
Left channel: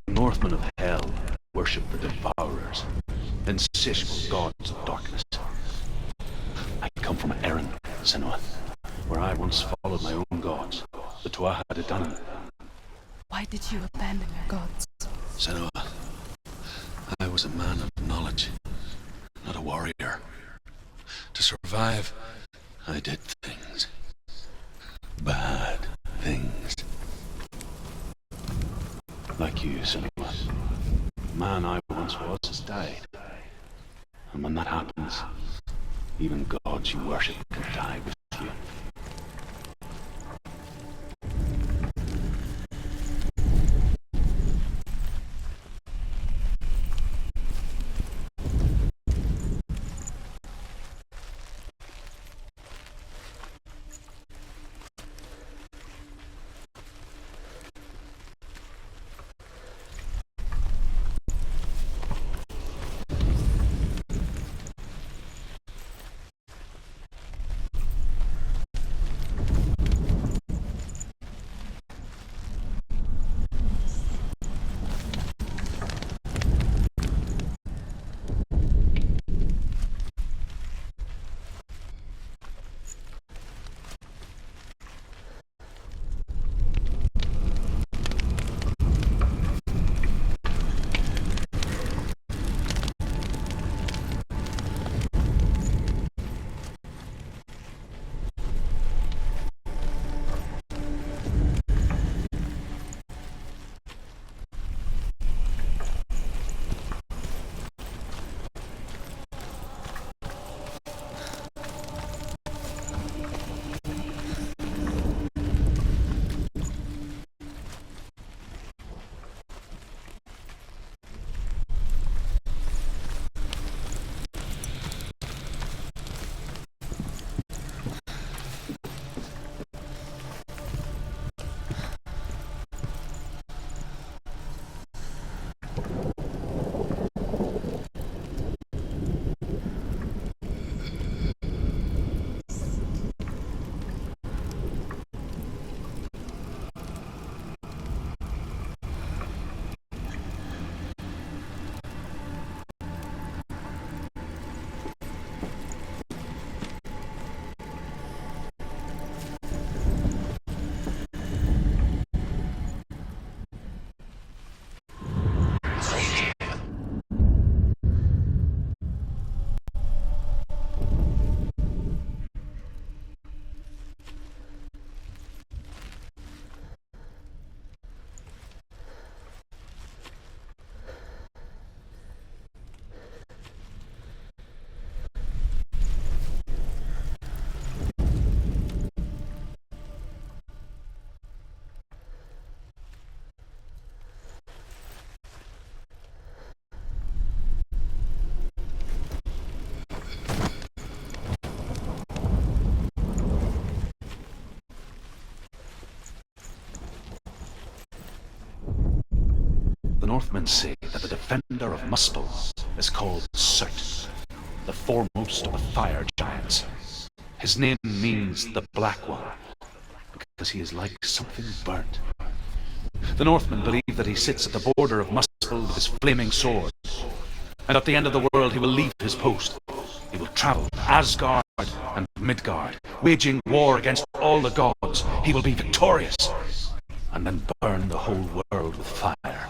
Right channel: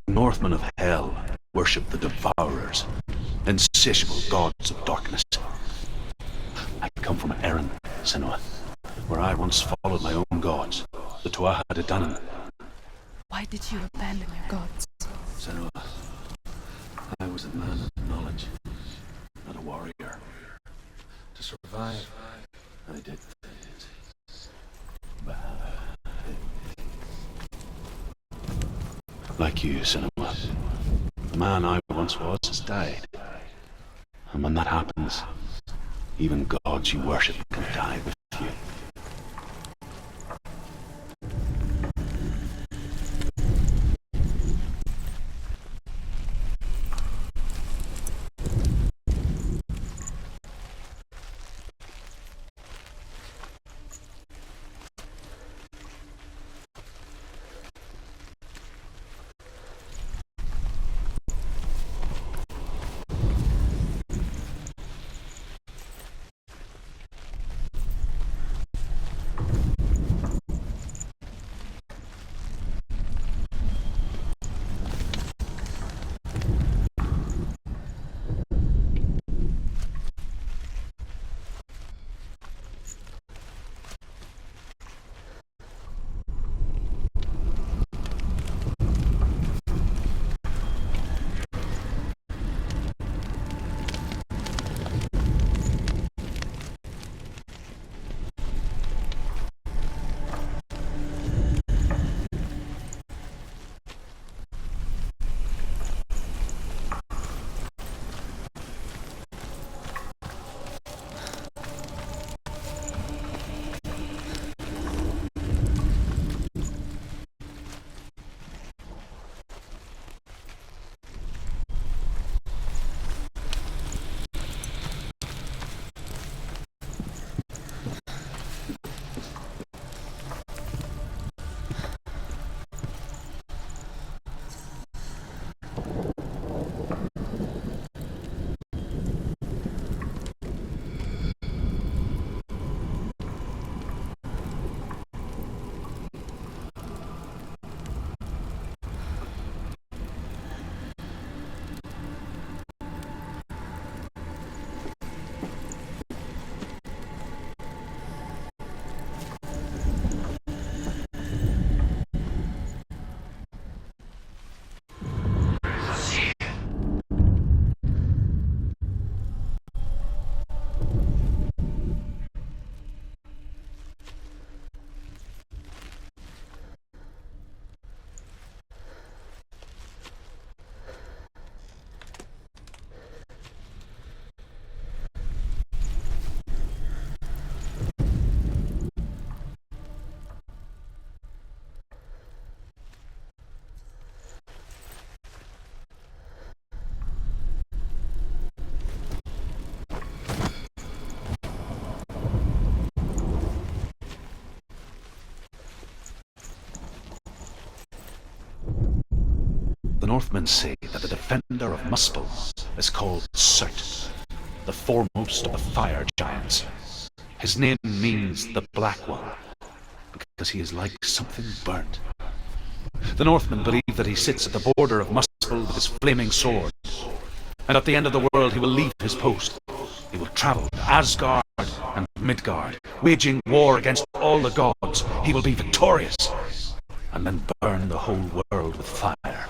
Northmen of Hell worship the Devourers, insatiable gods of darkness. I come from Erin, Senua, where I once followed my own gods, the Tuatha De Danann. Why did you abandon your gods? Senua, I was a man of knowledge, not a warrior. To survive, I did things. Bad things. Like you, Senua. The man I once was has died. And when that happens, even gods you worship can die with you. Northmen say that the defender of Muspel is called Surt, the foremost of the fire giants. His name means the Black One, because he is like something burnt. The Northmen believe that he sits at the border of Muspel with his flaming sword, and at the end of the world he will leave his post. He will travel to Asgard and Midgard, waging war against all the gods. He will be victorious, and then burn the whole world with fire.